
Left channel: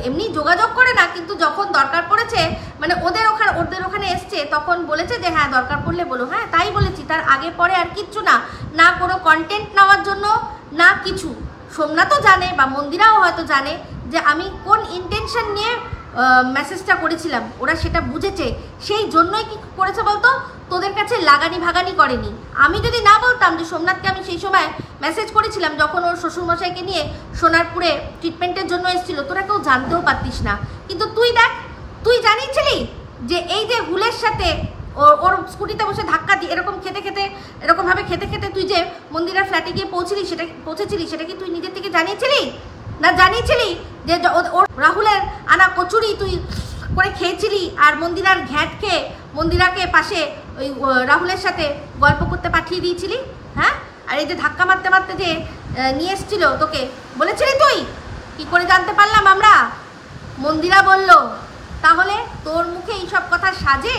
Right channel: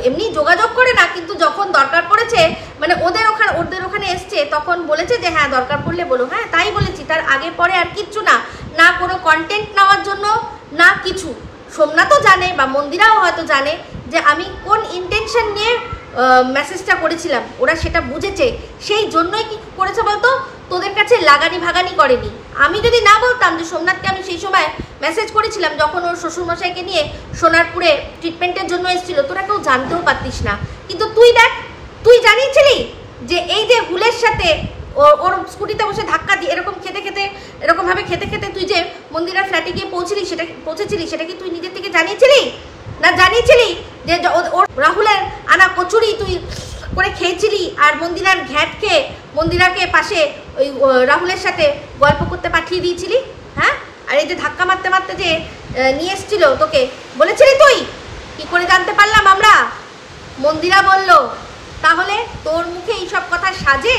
এমনি যোগাযোগ করে না, কিন্তু যখন দরকার পড়েছে মানে ওদের ওখানে এসছে তখন বলেছে যে হ্যাঁ দরকার পড়লে বলো। হ্যাঁ তাই বলেছি, তার আগে পরে আর কিচ্ছু না, না কোনো কন্টেন্ট নেওয়ার জন্য না কিছু। সোমনাথও জানে বা মন্দিরাও হয়তো জানে যে আমি কোন ইন্টেনশন নিয়ে মেসেজটা করেছিলাম, ওরা সেটা বুঝেছে, সেই জন্যই কি করেছে বলতো, তোদের কাছে লাগানি ভাগানি করেনি। আমি যদি না বলতাম যে সোমনাথকে আমি সেই সময় মেসেজ করেছিলাম যখন ওর শ্বশুরমশাইকে নিয়ে সোনারপুরে ট্রিটমেন্টের জন্য এসেছিল, তোরা কেউ জানতেও পারতিস না। কিন্তু তুই দেখ, তুই জানিয়েছিলি যে এই যে হুলের সাথে ওর স্কুটিতে বসে ধাক্কা দিয়ে এরকমভাবে খেতে তুই যে মন্দিরের ফ্ল্যাটে গিয়ে পৌঁছেছিলি, সেটা কি তুই নিজের থেকে জানিয়েছিলি না? জানিয়েছিলি যে ওর রাহুলের আনা কচুরি তুই করে খেয়েছিলি আর মন্দিরার ঘ্যাট খেয়ে মন্দিরাকে পাশে ওই রাহুলের সাথে গল্প করতে পাঠিয়ে দিয়েছিলি? হ্যাঁ, আর এই যে ধাক্কা মারতে মারতে যে নিয়ে এসেছিল তোকে, বলেছিলি তুই? কি করে জানতে পারলাম আমরা? মন্দিরা বলল। তাহলে তোর মুখে এইসব কথা সাজে?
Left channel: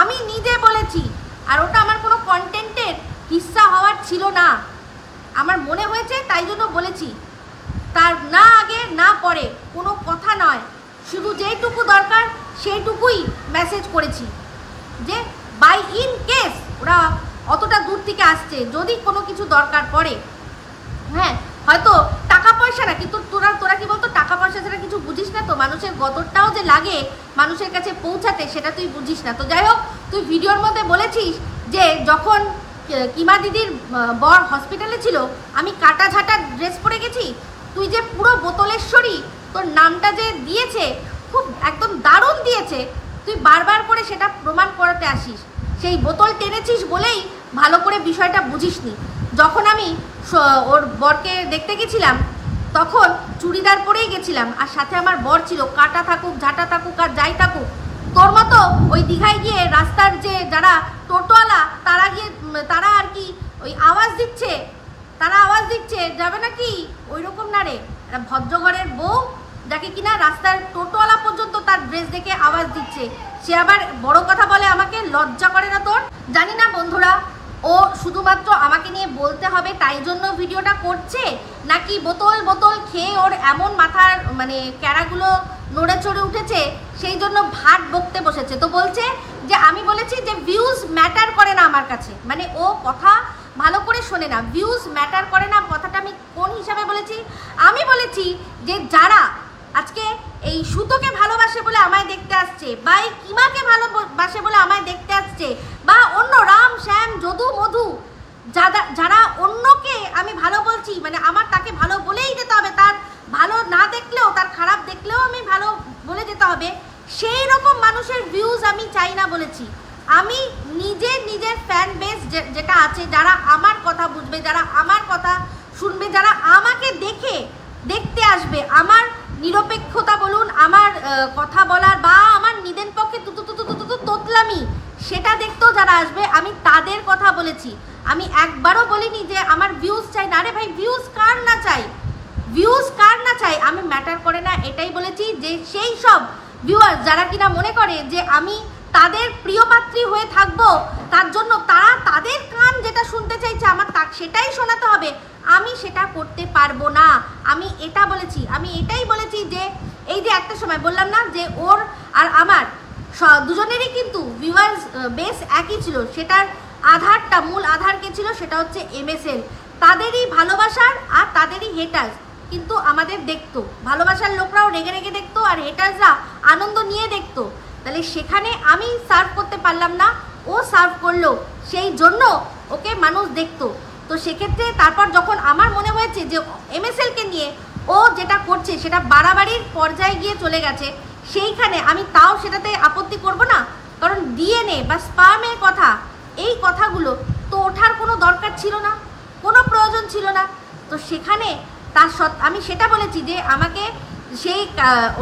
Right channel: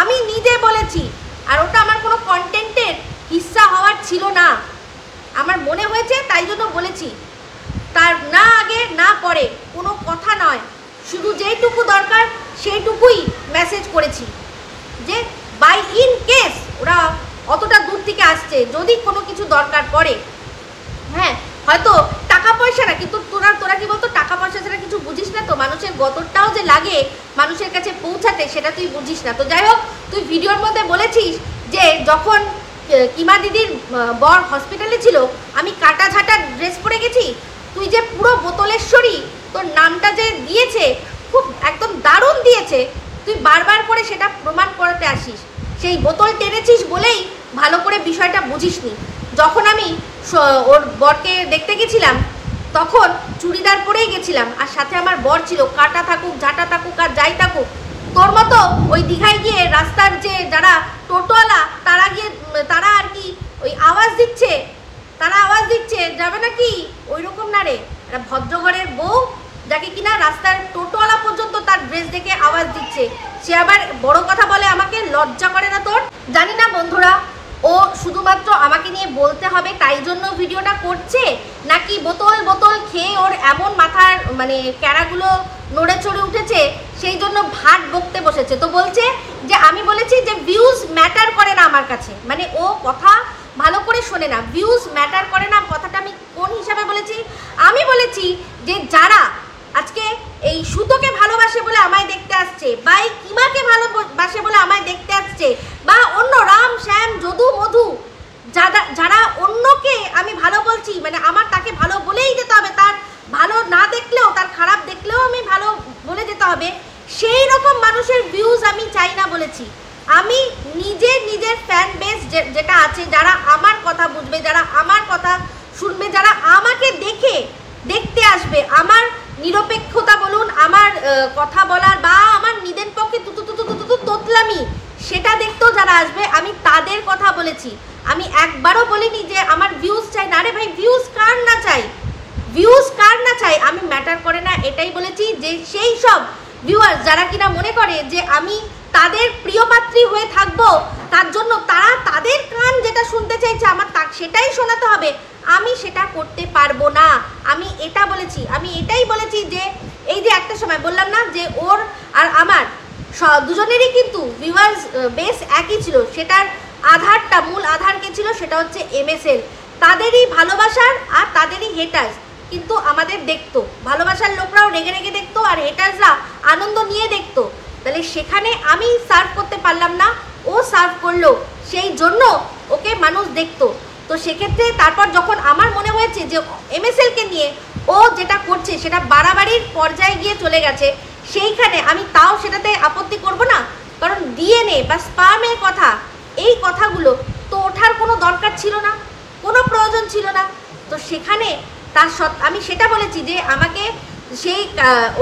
আমি নিজে বলেছি, আর ওটা আমার কোনো কন্টেন্টের হিস্সা হওয়ার ছিল না, আমার মনে হয়েছে তাই জন্য বলেছি। তার না আগে না পরে কোনো কথা নয়, শুধু যেইটুকু দরকার সেইটুকুই মেসেজ করেছি যে বাই ইন কেস ওরা অতটা দূর থেকে আসছে, যদি কোনো কিছু দরকার পড়ে, হ্যাঁ হয়তো টাকা পয়সা না, কিন্তু তোরা কি বলতো, টাকা পয়সা ছাড়া কিছু বুঝিস না তো, মানুষের গতরটাও যে লাগে মানুষের কাছে পৌঁছাতে, সেটা তুই বুঝিস না। তো যাই হোক, তুই ভিডিওর মধ্যে বলেছিস যে যখন কিমা দিদির বর হসপিটালে ছিল আমি কাটা ঝাঁটা ড্রেস পরে গেছি, তুই যে পুরো বোতলেশ্বরী তোর নামটা যে দিয়েছে, খুব একদম দারুণ দিয়েছে, তুই বারবার করে সেটা প্রমাণ করাতে আসিস। সেই বোতল টেনেছিস বলেই ভালো করে বিষয়টা বুঝিসনি। যখন আমি ওর বরকে দেখতে গেছিলাম তখন চুড়িদার পরেই গেছিলাম, আর সাথে আমার বর ছিল, কাটা থাকুক ঝাঁটা থাকুক আর যাই থাকুক। তোর মতো ওই দীঘায় গিয়ে রাস্তার যে যারা টোটোওয়ালা তারা আর কি ওই আওয়াজ দিচ্ছে যাবে নাকি, ওই রকম না রে। একটা ভদ্রঘরের বউ যাকে কিনা রাস্তার টোটোওয়ালা পর্যন্ত তার ড্রেস দেখে আওয়াজ দিচ্ছে, সে আবার বড় কথা বলে, আমাকে লজ্জা করে না তোর? জানি না বন্ধুরা, ও শুধুমাত্র আমাকে নিয়ে বলতে হবে তাই জন্য ভিডিওটা করছে, নাকি বোতল খেয়ে ওর এমন মাথার মানে ক্যারাগুলো নড়ে চড়ে উঠেছে সেই জন্য ভাট বকতে বসেছে। তো বলছে যে আমি বলেছি যে ভিউজ ম্যাটার করে না আমার কাছে, মানে ও কথা ভালো করে শোনে না, ভিউজ ম্যাটার করে না। কথাটা আমি কোন হিসাবে বলেছি? আমি বলেছি যে যারা আজকে এই সুতোকে ভালোবাসে বলে আমায় দেখতে আসছে, বা এই কিমাকে ভালোবাসে বলে আমায় দেখতে আসছে, বা অন্য রাম শ্যাম যদু মধু যারা অন্যকে আমি ভালো বলছি, মানে আমার তাকে ভালো বলেই যেতে হবে, তার ভালো না দেখলেও তার খারাপ দেখলেও আমি ভালো বলে যেতে হবে, সেই রকম মানুষের ভিউজ আমি চাই না বলেছি। আমি নিজের ফ্যান বেস যেটা আছে, যারা আমার কথা বুঝবে, যারা আমার কথা শুনবে, যারা আমাকে দেখতে আসবে, আমার নিরপেক্ষতা বলুন, আমার কথা বলার বা আমার নিদেন পক্ষে তোতলামি সেটা দেখতেও যারা আসবে, আমি তাদের কথা বলেছি। আমি একবারও বলিনি যে আমার ভিউজ চাই না। আরে ভাই, ভিউজ কার না চাই আমি ম্যাটার করে না, এটাই বলেছি। যে সেই সব ভিউয়ার্স যারা কিনা মনে করে যে আমি তাদের প্রিয়পাত্রী হয়ে থাকবো, তার জন্য তারা তাদের কান যেটা শুনতে চাইছে আমার সেটাই শোনাতে হবে, আমি সেটা করতে পারবো না। আমি এটা বলেছি, আমি এটাই বলেছি যে এই যে একটা সময় বললাম না যে ওর আর আমার দুজনেরই কিন্তু ভিউয়ার্স বেস একই ছিল, সেটার আধারটা মূল আধার কে ছিল, সেটা হচ্ছে MSL। তাদেরই ভালোবাসার আর তাদেরই হেটার্স কিন্তু আমাদের দেখতো, ভালোবাসার লোকরাও রেগে রেগে দেখতো আর হেটার্সরা আনন্দ নিয়ে দেখতো। তাহলে সেখানে আমি সার্ভ করতে পারলাম না, ও সার্ভ করলো, সেই জন্য ওকে মানুষ দেখতো। তো সেক্ষেত্রে তারপর যখন আমার মনে হয়েছে যে MSL কে নিয়ে ও যেটা করছে সেটা বাড়াবাড়ির পর্যায়ে গিয়ে চলে গেছে, সেইখানে আমি তাও সেটাতে আপত্তি করব না। কারণ ডিএনএ বা স্পার্মের কথা, এই কথাগুলো তো ওঠার কোনো দরকার ছিল না, কোনো প্রয়োজন ছিল না। তো সেখানে আমি সেটা বলেছি যে আমাকে সেই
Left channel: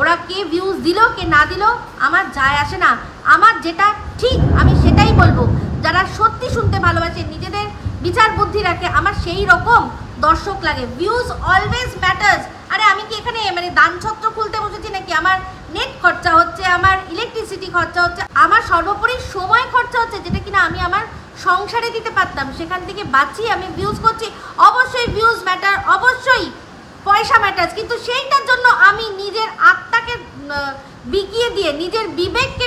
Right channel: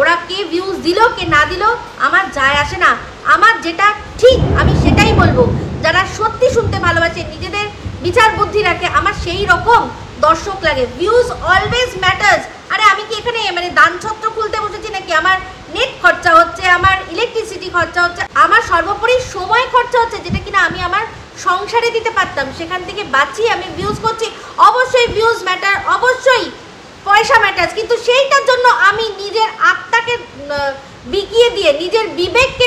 ওরা কে ভিউজ দিল কে না দিল আমার যায় আসে না, আমার যেটা ঠিক আমি সেটাই বলবো। যারা সত্যি শুনতে ভালোবাসে, নিজেদের বিচার বুদ্ধি রাখে, আমার সেই রকম দর্শক লাগে। Views always matters. আরে আমি কি এখানে মানে দান ছত্র খুলতে বসেছি নাকি? আমার নেট খরচা হচ্ছে, আমার ইলেকট্রিসিটি খরচা হচ্ছে, আমার সর্বোপরি সময় খরচা হচ্ছে, যেটা কিনা আমি আমার সংসারে দিতে পারতাম, সেখান থেকে বাঁচিয়ে আমি ভিউজ করছি। অবশ্যই ভিউজ ম্যাটার, অবশ্যই পয়সা ম্যাটার্স, কিন্তু সেইটার জন্য আমি নিজের আত্মাকে বিকিয়ে দিয়ে, নিজের বিবেককে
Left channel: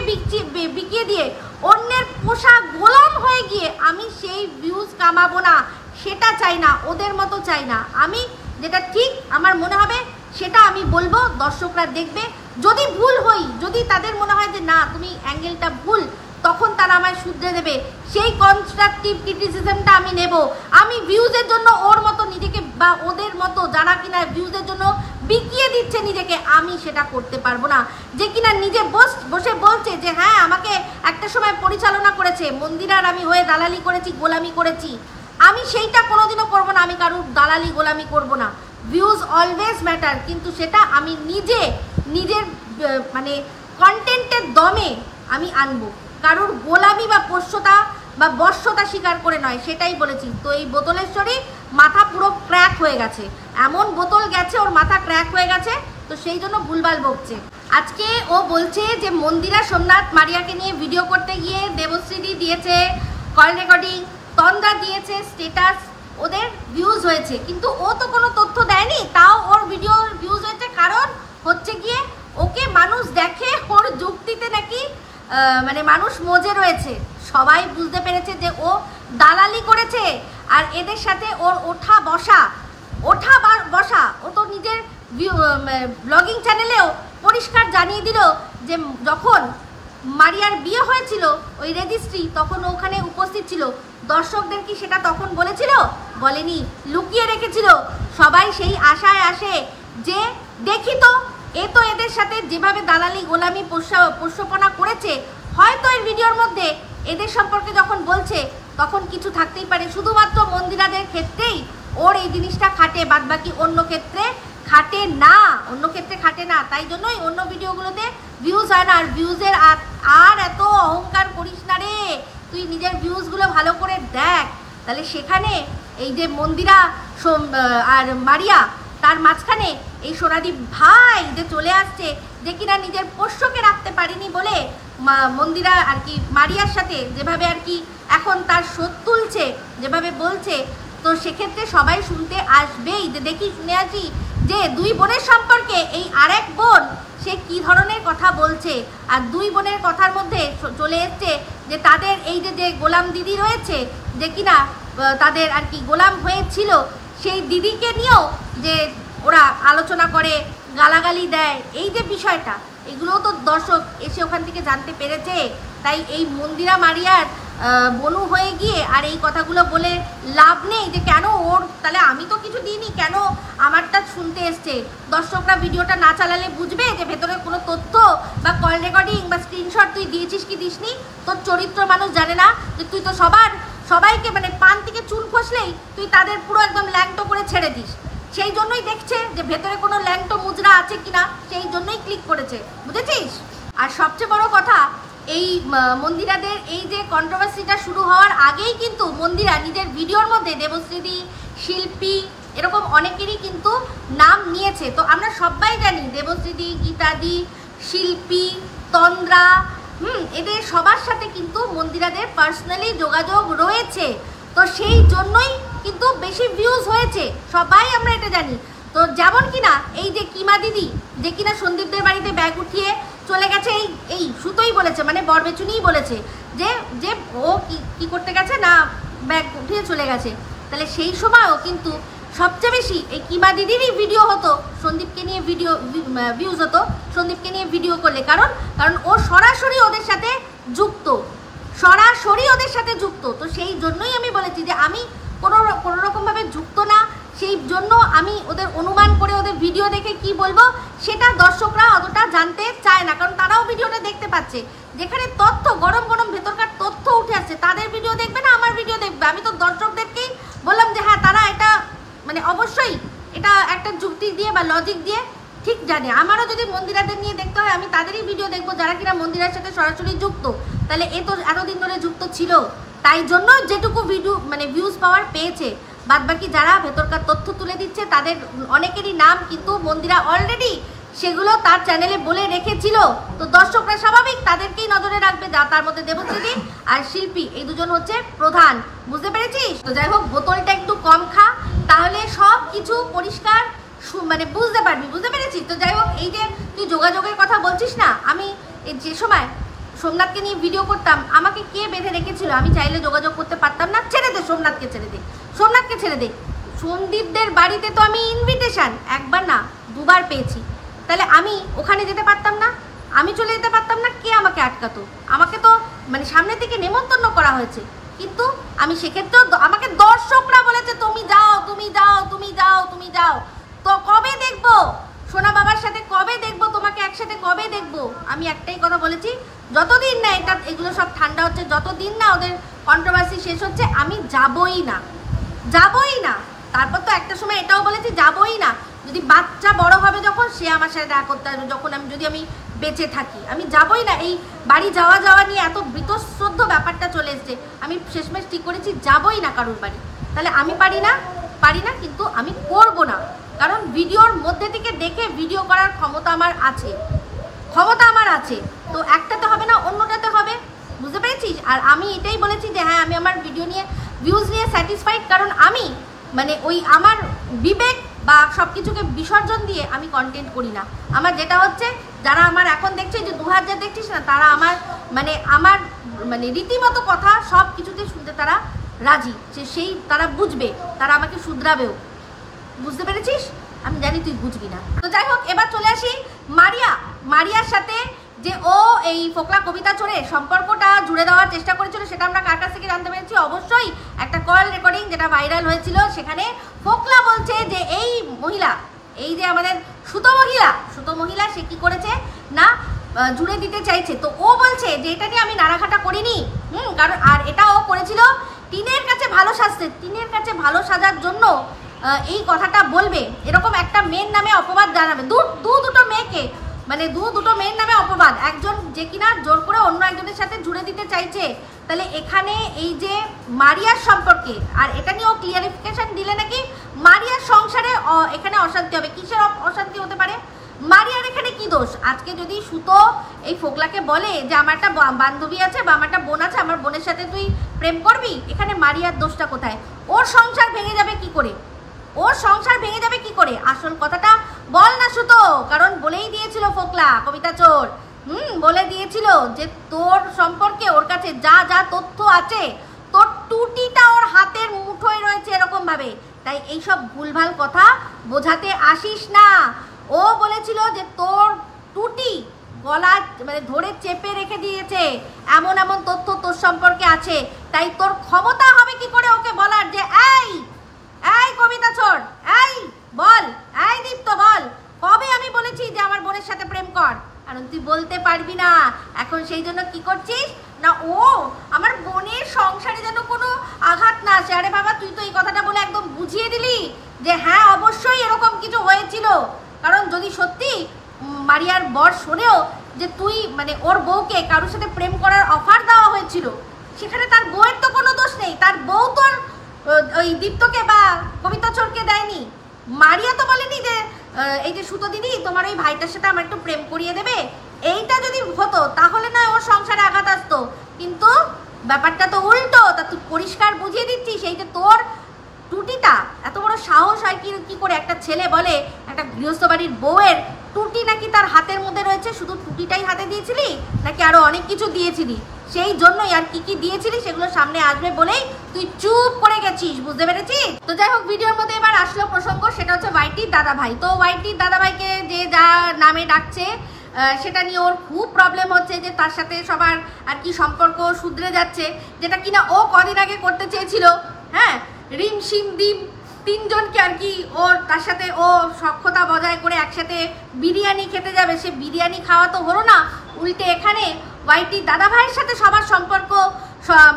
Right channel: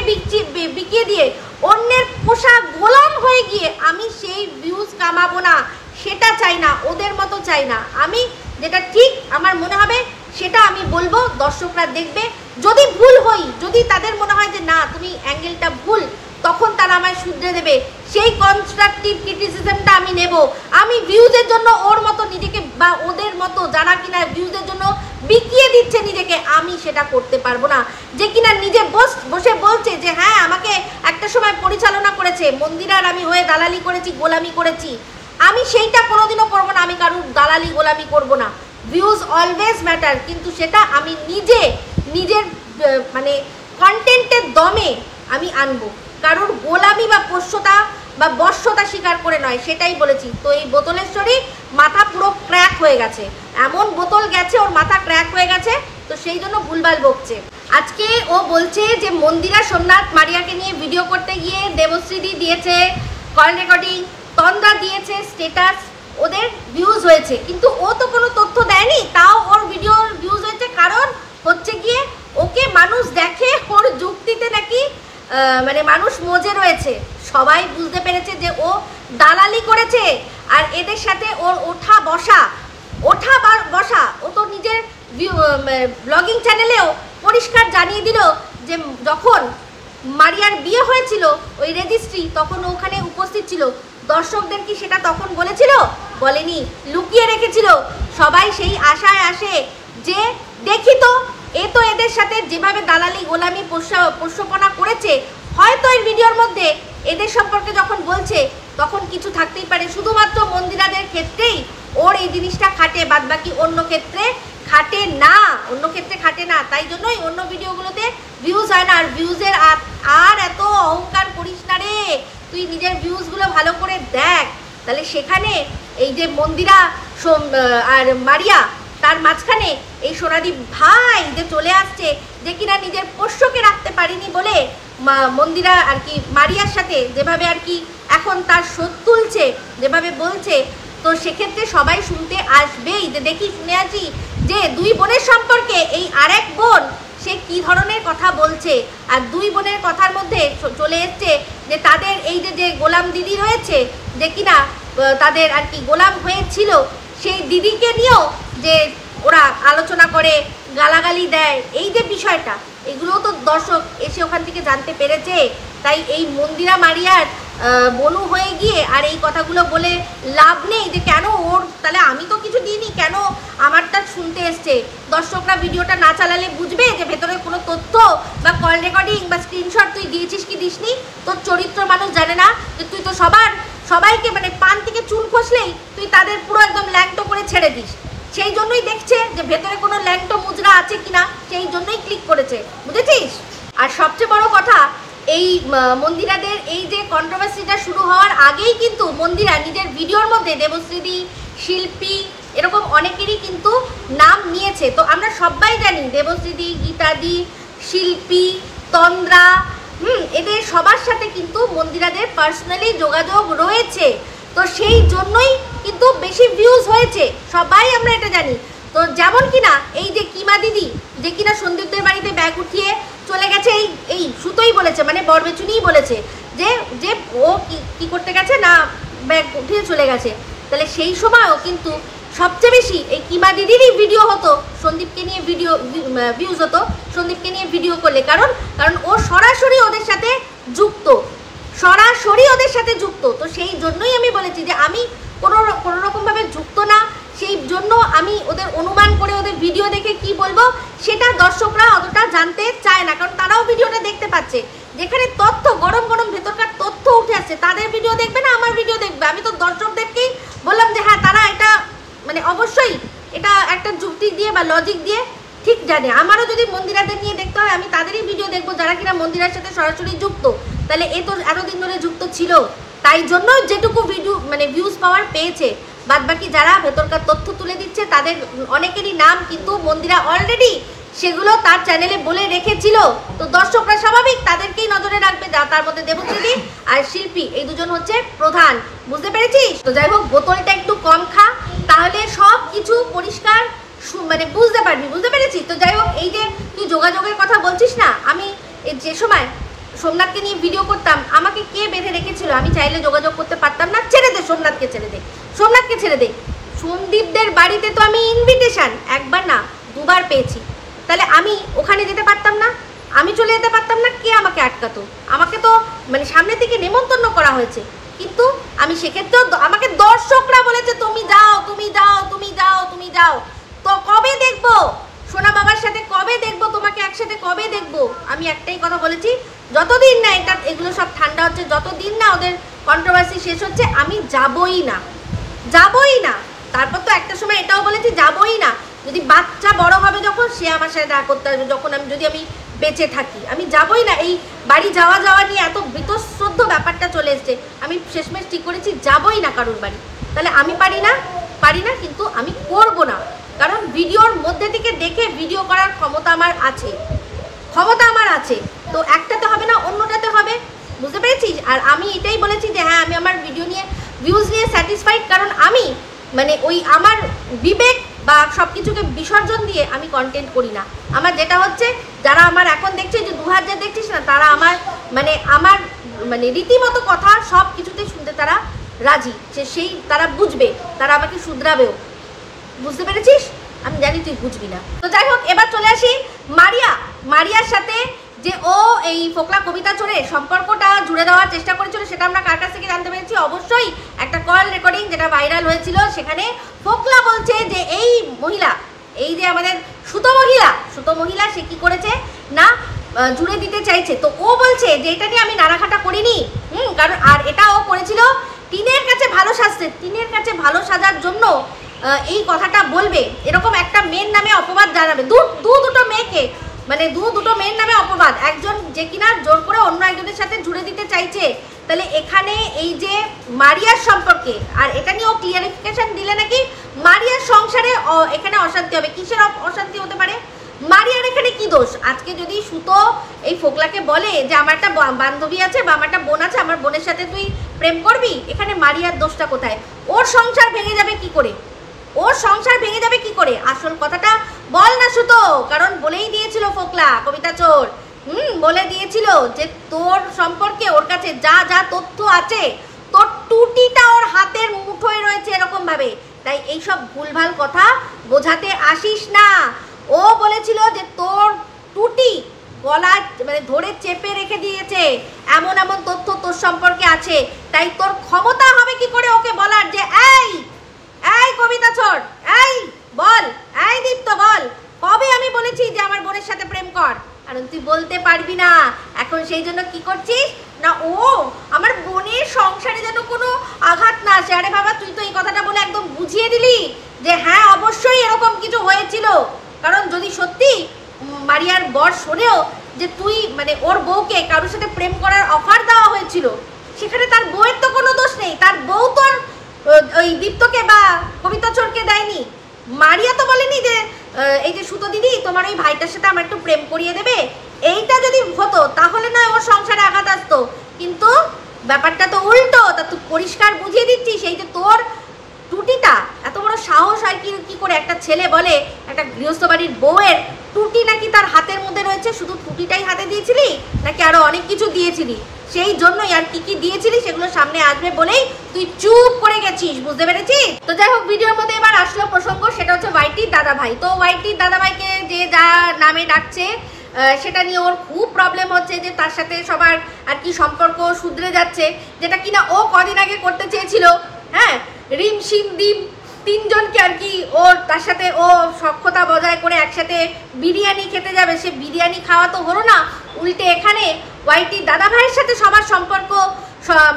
বিকিয়ে দিয়ে অন্যের পোষা গোলাম হয়ে গিয়ে আমি সেই ভিউজ কামাবো না, সেটা চাই না, ওদের মতো চাই না। আমি যেটা ঠিক আমার মনে হবে সেটা আমি বলবো, দর্শকরা দেখবে। যদি ভুল হই, যদি তাদের মনে হয় যে না তুমি অ্যাঙ্গেলটা ভুল, তখন তারা আমায় শুধরে দেবে, সেই কনস্ট্রাকটিভ ক্রিটিসিজমটা আমি নেব। আমি ভিউজের জন্য ওর মতো নিজেকে বা ওদের মতো যারা কিনা ভিউজের জন্য বিকিয়ে দিচ্ছে নিজেকে, আমি সেটা করতে পারবো না। যে কিনা নিজে বসে বলছে যে হ্যাঁ আমাকে একটা সময় পরিচালনা করেছে, মন্দিরার আমি হয়ে দালালি করেছি, গোলামি করেছি, আমি সেইটা কোনোদিনও করবো না। আমি কারুর দালালি গোলামি করবো না। ভিউজ অলওয়েজ ম্যাটার, কিন্তু সেটা আমি নিজের মানে কন্টেন্টের দমে আমি আনবো, কারোর গোলামি বা পোষ্যতা বা বশ্যতা স্বীকার করে নয়, সেটাই বলেছি। তো এই বোতলেশ্বরী মাথা পুরো ক্র্যাক হয়ে গেছে, এমন বোতল গেছে ওর মাথা ক্র্যাক হয়ে গেছে, তো সেই জন্য ভুলভাল বকছে। আজকে ও বলছে যে মন্দিরা সোমনাথ মারিয়াকে নিয়ে ভিডিও করতে গিয়ে দেবশ্রীদি দিয়েছে কল রেকর্ডিং, তন্দ্রা দিয়েছে স্ট্যাটাস, ওদের ভিউজ হয়েছে, কিন্তু ও তো কোনো তথ্য দেয়নি, তাও ওর ভিডিওর ভিউজ হয়েছে। কারণ হচ্ছে গিয়ে ওকে মানুষ দেখে, ওর যুক্তিতে নাকি মানে মানুষ মজে রয়েছে। সবাই বুঝতে পেরেছে যে ও দালালি করেছে, আর এদের সাথে ওর ওঠা বসা, ও তো নিজের ব্লগিং চ্যানেলেও পরিষ্কার জানিয়ে দিল যে যখন মারিয়ার বিয়ে হয়েছিল ওই রেজিস্ট্রি, তখন ওখানে উপস্থিত ছিল। দর্শকদের কি সেটা তখন বলেছিল? বলেনি, লুকিয়ে রেখেছিল। সবাই সেই আশায় আসে যে দেখি তো, এ তো এদের সাথে যেভাবে দালালি গোলামি পোষ্যপনা করেছে, হয়তো এর ভিডিওর মধ্যে এদের সম্পর্কে যখন বলছে তখন কিছু থাকতেই পারে। শুধুমাত্র মন্দিরাদের ক্ষেত্রেই ওর এই জিনিসটা খাটে, বাদবাকি অন্য ক্ষেত্রে খাটে না, তাই জন্যই অন্য ভিডিওগুলোতে ভিউজ হয় না। আর ভিউজের আর এত অহংকার করিস না রে, তুই নিজের ভিউজগুলো ভালো করে দেখ, তাহলে সেখানে এই যে মন্দিরা আর মারিয়া, তার মাঝখানে এই সোনাদীপ ভাই যে চলে আসছে, যে কিনা নিজের পোষ্যকে রাখতে পারিনি বলে মন্দিরা আর কি মারিয়ার সাথে যেভাবে আর কি এখন তার শোধ তুলছে, যেভাবে বলছে, তো সেক্ষেত্রে সবাই শুনতে আসবেই। যে দেখি শুনে আছি যে দুই বোনের সম্পর্কে এই আরেক বোন সে কি ধরনের কথা বলছে। আর দুই বোনের কথার মধ্যে চলে এসছে যে তাদের এই যে গোলাম দিদি রয়েছে, যে কিনা তাদের আর কি গোলাম হয়েছিল, সেই দিদিকে নিয়েও যে ওরা আলোচনা করে, গালাগালি দেয়, এই যে বিষয়টা, এগুলো তো দর্শক এসে ওখান থেকে জানতে পেরেছে। তাই এই মন্দিরা মারিয়ার বনু হয়ে গিয়ে আর এই কথাগুলো বলে লাভ নেই যে কেন ওর, তাহলে আমি তো কিছু দিইনি, কেন আমারটা শুনতে এসছে। দর্শকরা ভিডিওটা না চালালে বুঝবে যে ভেতরে কোনো তথ্য বা কল রেকর্ডিং বা স্ক্রিনশট তুই দিয়েছিস কি দিসনি। তোর চরিত্র মানুষ জানে না, যে তুই তো সবাইকে মানে পান থেকে চুন খসলেই তুই তাদের পুরো একদম ল্যাংটো করে ছেড়ে দিস। সেই জন্যই দেখছে যে ভেতরে কোনো ল্যাংটো মুজরা আছে কিনা, সেই জন্যই ক্লিক করেছে, বুঝেছিস। আর সবচেয়ে বড় কথা, এই মন্দিরাদের এই যে কন্ট্রোভার্সিটা শুরু হওয়ার আগেই কিন্তু মন্দিরা নিজের ভিডিওর মধ্যে দেবশ্রীদি, শিল্পী, এরকম অনেকেরই কিন্তু নাম নিয়েছে। তো আমরা সবাই জানি দেবশ্রীদি, গীতাদি, শিল্পী, তন্দ্রা, এদের সবার সাথে কিন্তু মন্দিরাদের পার্সোনালি যোগাযোগ রয়েছে। তো সেই জন্যই কিন্তু বেশি ভিউজ হয়েছে, সবাই আমরা এটা জানি। তো যেমন কিনা এই যে কিমা দিদি, যে কিনা সন্দীপদের বাড়িতে ব্যাগ উঠিয়ে চলে গেছে, এই সুতোই বলেছে, মানে বরবেচুনিই বলেছে যে ও কি করতে গেছে না, ব্যাগ উঠিয়ে চলে গেছে। তাহলে সেই সময়ও কিন্তু সবচেয়ে বেশি এই কিমা দিদিরই ভিডিও হতো, সন্দীপকে নিয়ে ভিউজ হতো সন্দীপকে নিয়ে ভিডিও করলে। কারণ ও সরাসরি ওদের সাথে যুক্ত, তো সেই জন্যই আমি বলেছি যে আমি কোনো রকমভাবে যুক্ত না, সেই জন্য আমি ওদের অনুমান করে ওদের ভিডিও জানতে চায় না, কারণ তারাও ভিডিওটা দেখতে পাচ্ছে। যেখানে তথ্য গরম গরম ভেতরকার তথ্য উঠে আসছে, তাদের ভিডিও দেখবে না আমার ভিডিও দেখবে? আমি তো দর্শকদেরকেই বললাম যে হ্যাঁ তারা এটা মানে অবশ্যই এটা একটা যুক্তি দিয়ে বা লজিক দিয়ে ঠিক জানে। আমারও যদি মন্দিরাদের নিয়ে দেখতে হয় আমি তাদেরই ভিডিও দেখবো যারা কিনা মন্দিরের সাথে সরাসরি যুক্ত। তাহলে এ তো এতদিন ধরে যুক্ত ছিল, তাই জন্য যেটুকু ভিডিও মানে ভিউজ পাওয়ার পেয়েছে। বাদ বাকি যারা ভেতরকার তথ্য তুলে দিচ্ছে তাদের অনেকেরই নাম কিন্তু মন্দিরা অলরেডি সেগুলো তার চ্যানেলে বলে রেখেছিল। তো দর্শকরা স্বাভাবিক তাদেরকেই নজরে রাখবে, যা তার মধ্যে দেবশ্রী আর শিল্পী এই দুজন হচ্ছে প্রধান, বুঝতে পেরেছিস? তো যাই হোক, বোতলটা একটু কম খা, তাহলে সব কিছু পরিষ্কার মানে বুঝতে পারবি, বুঝতে পেরেছিস? তো যাই হোক, এই যে তুই যোগাযোগের কথা বলছিস না, আমি যে সময় সোমনাথকে নিয়ে ভিডিও করতাম আমাকে কে বেঁধে রেখেছিল? আমি চাইলে যোগাযোগ করতে পারতাম না? ছেড়ে দে সোমনাথকে, ছেড়ে দে সোমনাথকে, ছেড়ে দে। সন্দীপদের বাড়িতে তো আমি ইনভিটেশন একবার না দুবার পেয়েছি, তাহলে আমি ওখানে যেতে পারতাম না? আমি চলে যেতে পারতাম না? কে আমাকে আটকাতো? আমাকে তো মানে সামনে থেকে নেমন্তন্ন করা হয়েছে, কিন্তু আমি সেক্ষেত্রেও আমাকে দর্শকরা বলেছে তুমি যাও, তুমি যাও, তুমি যাও, তুমি যাও। তো কবে দেখবো সোনা বাবার সাথে, কবে দেখবো তোমাকে একসাথে, কবে দেখবো? আমি একটাই কথা বলেছি, যতদিন না এগুলো সব ঠান্ডা হচ্ছে, যতদিন না ওদের কন্ট্রোভার্সি শেষ হচ্ছে, আমি যাবই না, যাবই না। তারপর তো একটা সময় এটাও বলেছি যাবই না, যদি বাচ্চা বড় হবে যখন সে আমার সাথে দেখা করতে আসবে, যখন যদি আমি বেঁচে থাকি, আমি যাবই না। এই বাড়ি যাওয়া যাওয়া নিয়ে এত বীতশ্রদ্ধ ব্যাপারটা চলে এসছে, আমি শেষমেশ ঠিক করেছি যাবই না কারোর বাড়ি। তাহলে আমি পারি না, কিন্তু আমি করব না, কারণ ভিডিওর মধ্যে থেকে দেখে ভিডিও করার ক্ষমতা আমার আছে, তো একটাতে হবে না অন্যটাতে হবে, বুঝতে পেরেছিস? আর আমি এটাই বলেছি যে হ্যাঁ আমি আমার ভিডিও নিয়ে ভিউজ নিয়ে স্যাটিসফাইড, কারণ আমি মানে ওই আমার বিবেক বা সব কিছুকে বিসর্জন দিয়ে আমি কন্টেন্ট করি না। আমার যেটা হচ্ছে, যারা আমার এখন দেখছে যে 2000 দেখছিস না, তারা আমার রীতিমতো কথা সব কিছুতে শুনতে তারা রাজি, সেই তারা বুঝবে, তারা আমাকে শুধরাবেও, বুঝতে পেরেছিস? আমি জানি তুই বুঝবি না। তো যাই হোক, এবার চলে আসি মারিয়ার সাথে যে ও এই ফোকলা কবিতা চোরে সম্পর্কটা জুড়ে দেওয়ার চেষ্টা করেছিল, সেটা আমরা কার কাছ থেকে জানতে পেরেছি? অবশ্যই একটা কল রেকর্ডিং যেটা ভাইরাল হয়েছিল, সেখানে ফোকলা বলছে যে এই মহিলা, এই যে আমাদের সুতো মহিলা সে কি করেছে না জুড়ে দিতে চাইছে। তো ও বলছে যে এটা নিয়ে আমি নাড়াঘাটা করিনি, কারণ আর এটা ও করেছিল টিনের কাছে ভালো সাজার জন্য এই কথাটা বলবে, এরকম একটা মেয়ের নামে অপবাদ জানাবে, দুটো মেয়ের নামে অপবাদ, একজন যে কিনা জোর করে অন্য একজনের সাথে জুড়ে দিতে চাইছে। তাহলে এখানে এই যে মারিয়ার সম্পর্কে, আর এটা নিয়ে ও ক্লিয়ারিফিকেশন দিলে নাকি মারিয়ার সংসারে এখানে অশান্তি হবে। কিসের অশান্তি হতে পারে? মারিয়ার এখানে কি দোষ? আজকে যদি সুতো এই ফোকলাকে বলে যে আমার একটা বান্ধবী আছে বা আমার একটা বোন আছে, আমার বোনের সাথে তুই প্রেম করবি, এখানে মারিয়ার দোষটা কোথায়? ওর সংসার ভেঙে যাবে কি করে? আসল কথাটা বল না সুতো, কারণ বলেই দিয়েছিল ফোকলা কবিতা চোর, বলে দিয়েছিল যে তোর সম্পর্কে ওর কাছে যা যা তথ্য আছে, তোর টুটিটা ওর হাতের মুঠোয় রয়েছে এরকম ভাবে। তাই এইসব ভুলভাল কথা বোঝাতে আসিস না। ও বলেছিল যে তোর টুটি গলা ধরে চেপে রেখে দিয়েছে, এমন তথ্য তোর সম্পর্কে আছে, তাই তোর ক্ষমতা হবে কি করে ওকে বলার যে এই কবিতা চোর, এই বল, এই দীপ্ত বল, কবে আমি বলেছি যে আমার বোনের সাথে প্রেম কর? কারণ তুই বলতে পারবি না এখন, সেই জন্য কি করছিস না, ও আমার বোনের সংসারে যেন কোনো আঘাত না আসে। আরে বাবা, তুই তো এই কথাটা বলে একদম বুঝিয়ে দিলি যে হ্যাঁ অবশ্যই এরকম কিছু হয়েছিল। কারণ যদি সত্যি মারিয়ার বর শোনেও যে তুই ওর বউকে কারোর সাথে প্রেম করার অফার দেওয়া হয়েছিল, সেখানে তার বউয়ের তো কোনো দোষ নেই, তার বউ তোর ওই দীপ্তকে বা কবিতা চোরকে দেয়নি। মারিয়া তো বলেনি যে এই যে সুতো দিদি তোমার ওই ভাইটার সাথে আমার একটু প্রেম করিয়ে দেবে। এইটা যদি হতো তাহলে না ওর সংসারে আঘাত আসতো, কিন্তু ব্যাপারটা তো উল্টো। তা তুই পরিষ্কার বুঝিয়ে দিচ্ছিস এই যে তোর টুটিটা, এত বড় সাহস হয় কি করে একটা ছেলে বলে একটা গৃহস্থ বাড়ির বউয়ের টুটি নাকি তার হাতের মধ্যে রয়েছে? শুধু টুটিটাই হাতে দিয়েছিলি নাকি আরো অনেক কিছু দিয়েছিলি? সেই জন্যই আর কি দিয়েছিলি সেগুলো সামনে আসবে বলেই তুই চুপ করে গেছিস, বুঝতে পেরেছিস? তো যাই হোক, ভিডিওর মধ্যে এবার আসলো প্রসঙ্গ, সেটা হচ্ছে ওয়াইটির দাদাভাই। তো ওয়াইটির দাদাভাইকে যে যা নামে ডাকছে সেটা নিয়ে ওর খুব প্রবলেম হচ্ছে যে তার সাথে সবার আর কি সম্পর্ক শুধরে যাচ্ছে, যেটা কিনা ও কদিন আগে করতে চেয়েছিল। হ্যাঁ, রিম শিম ডিম তিনজনকে আর কি ওর তার সাথে ও সখ্যতা বজায় করে একসাথে বিরিয়ানি খেতে যাবে, সে বিরিয়ানি খাওয়া তো হলো না, উল্টে এখানে ওয়াইটি দাদা ভাইয়ের সাথে সবার সম্পর্ক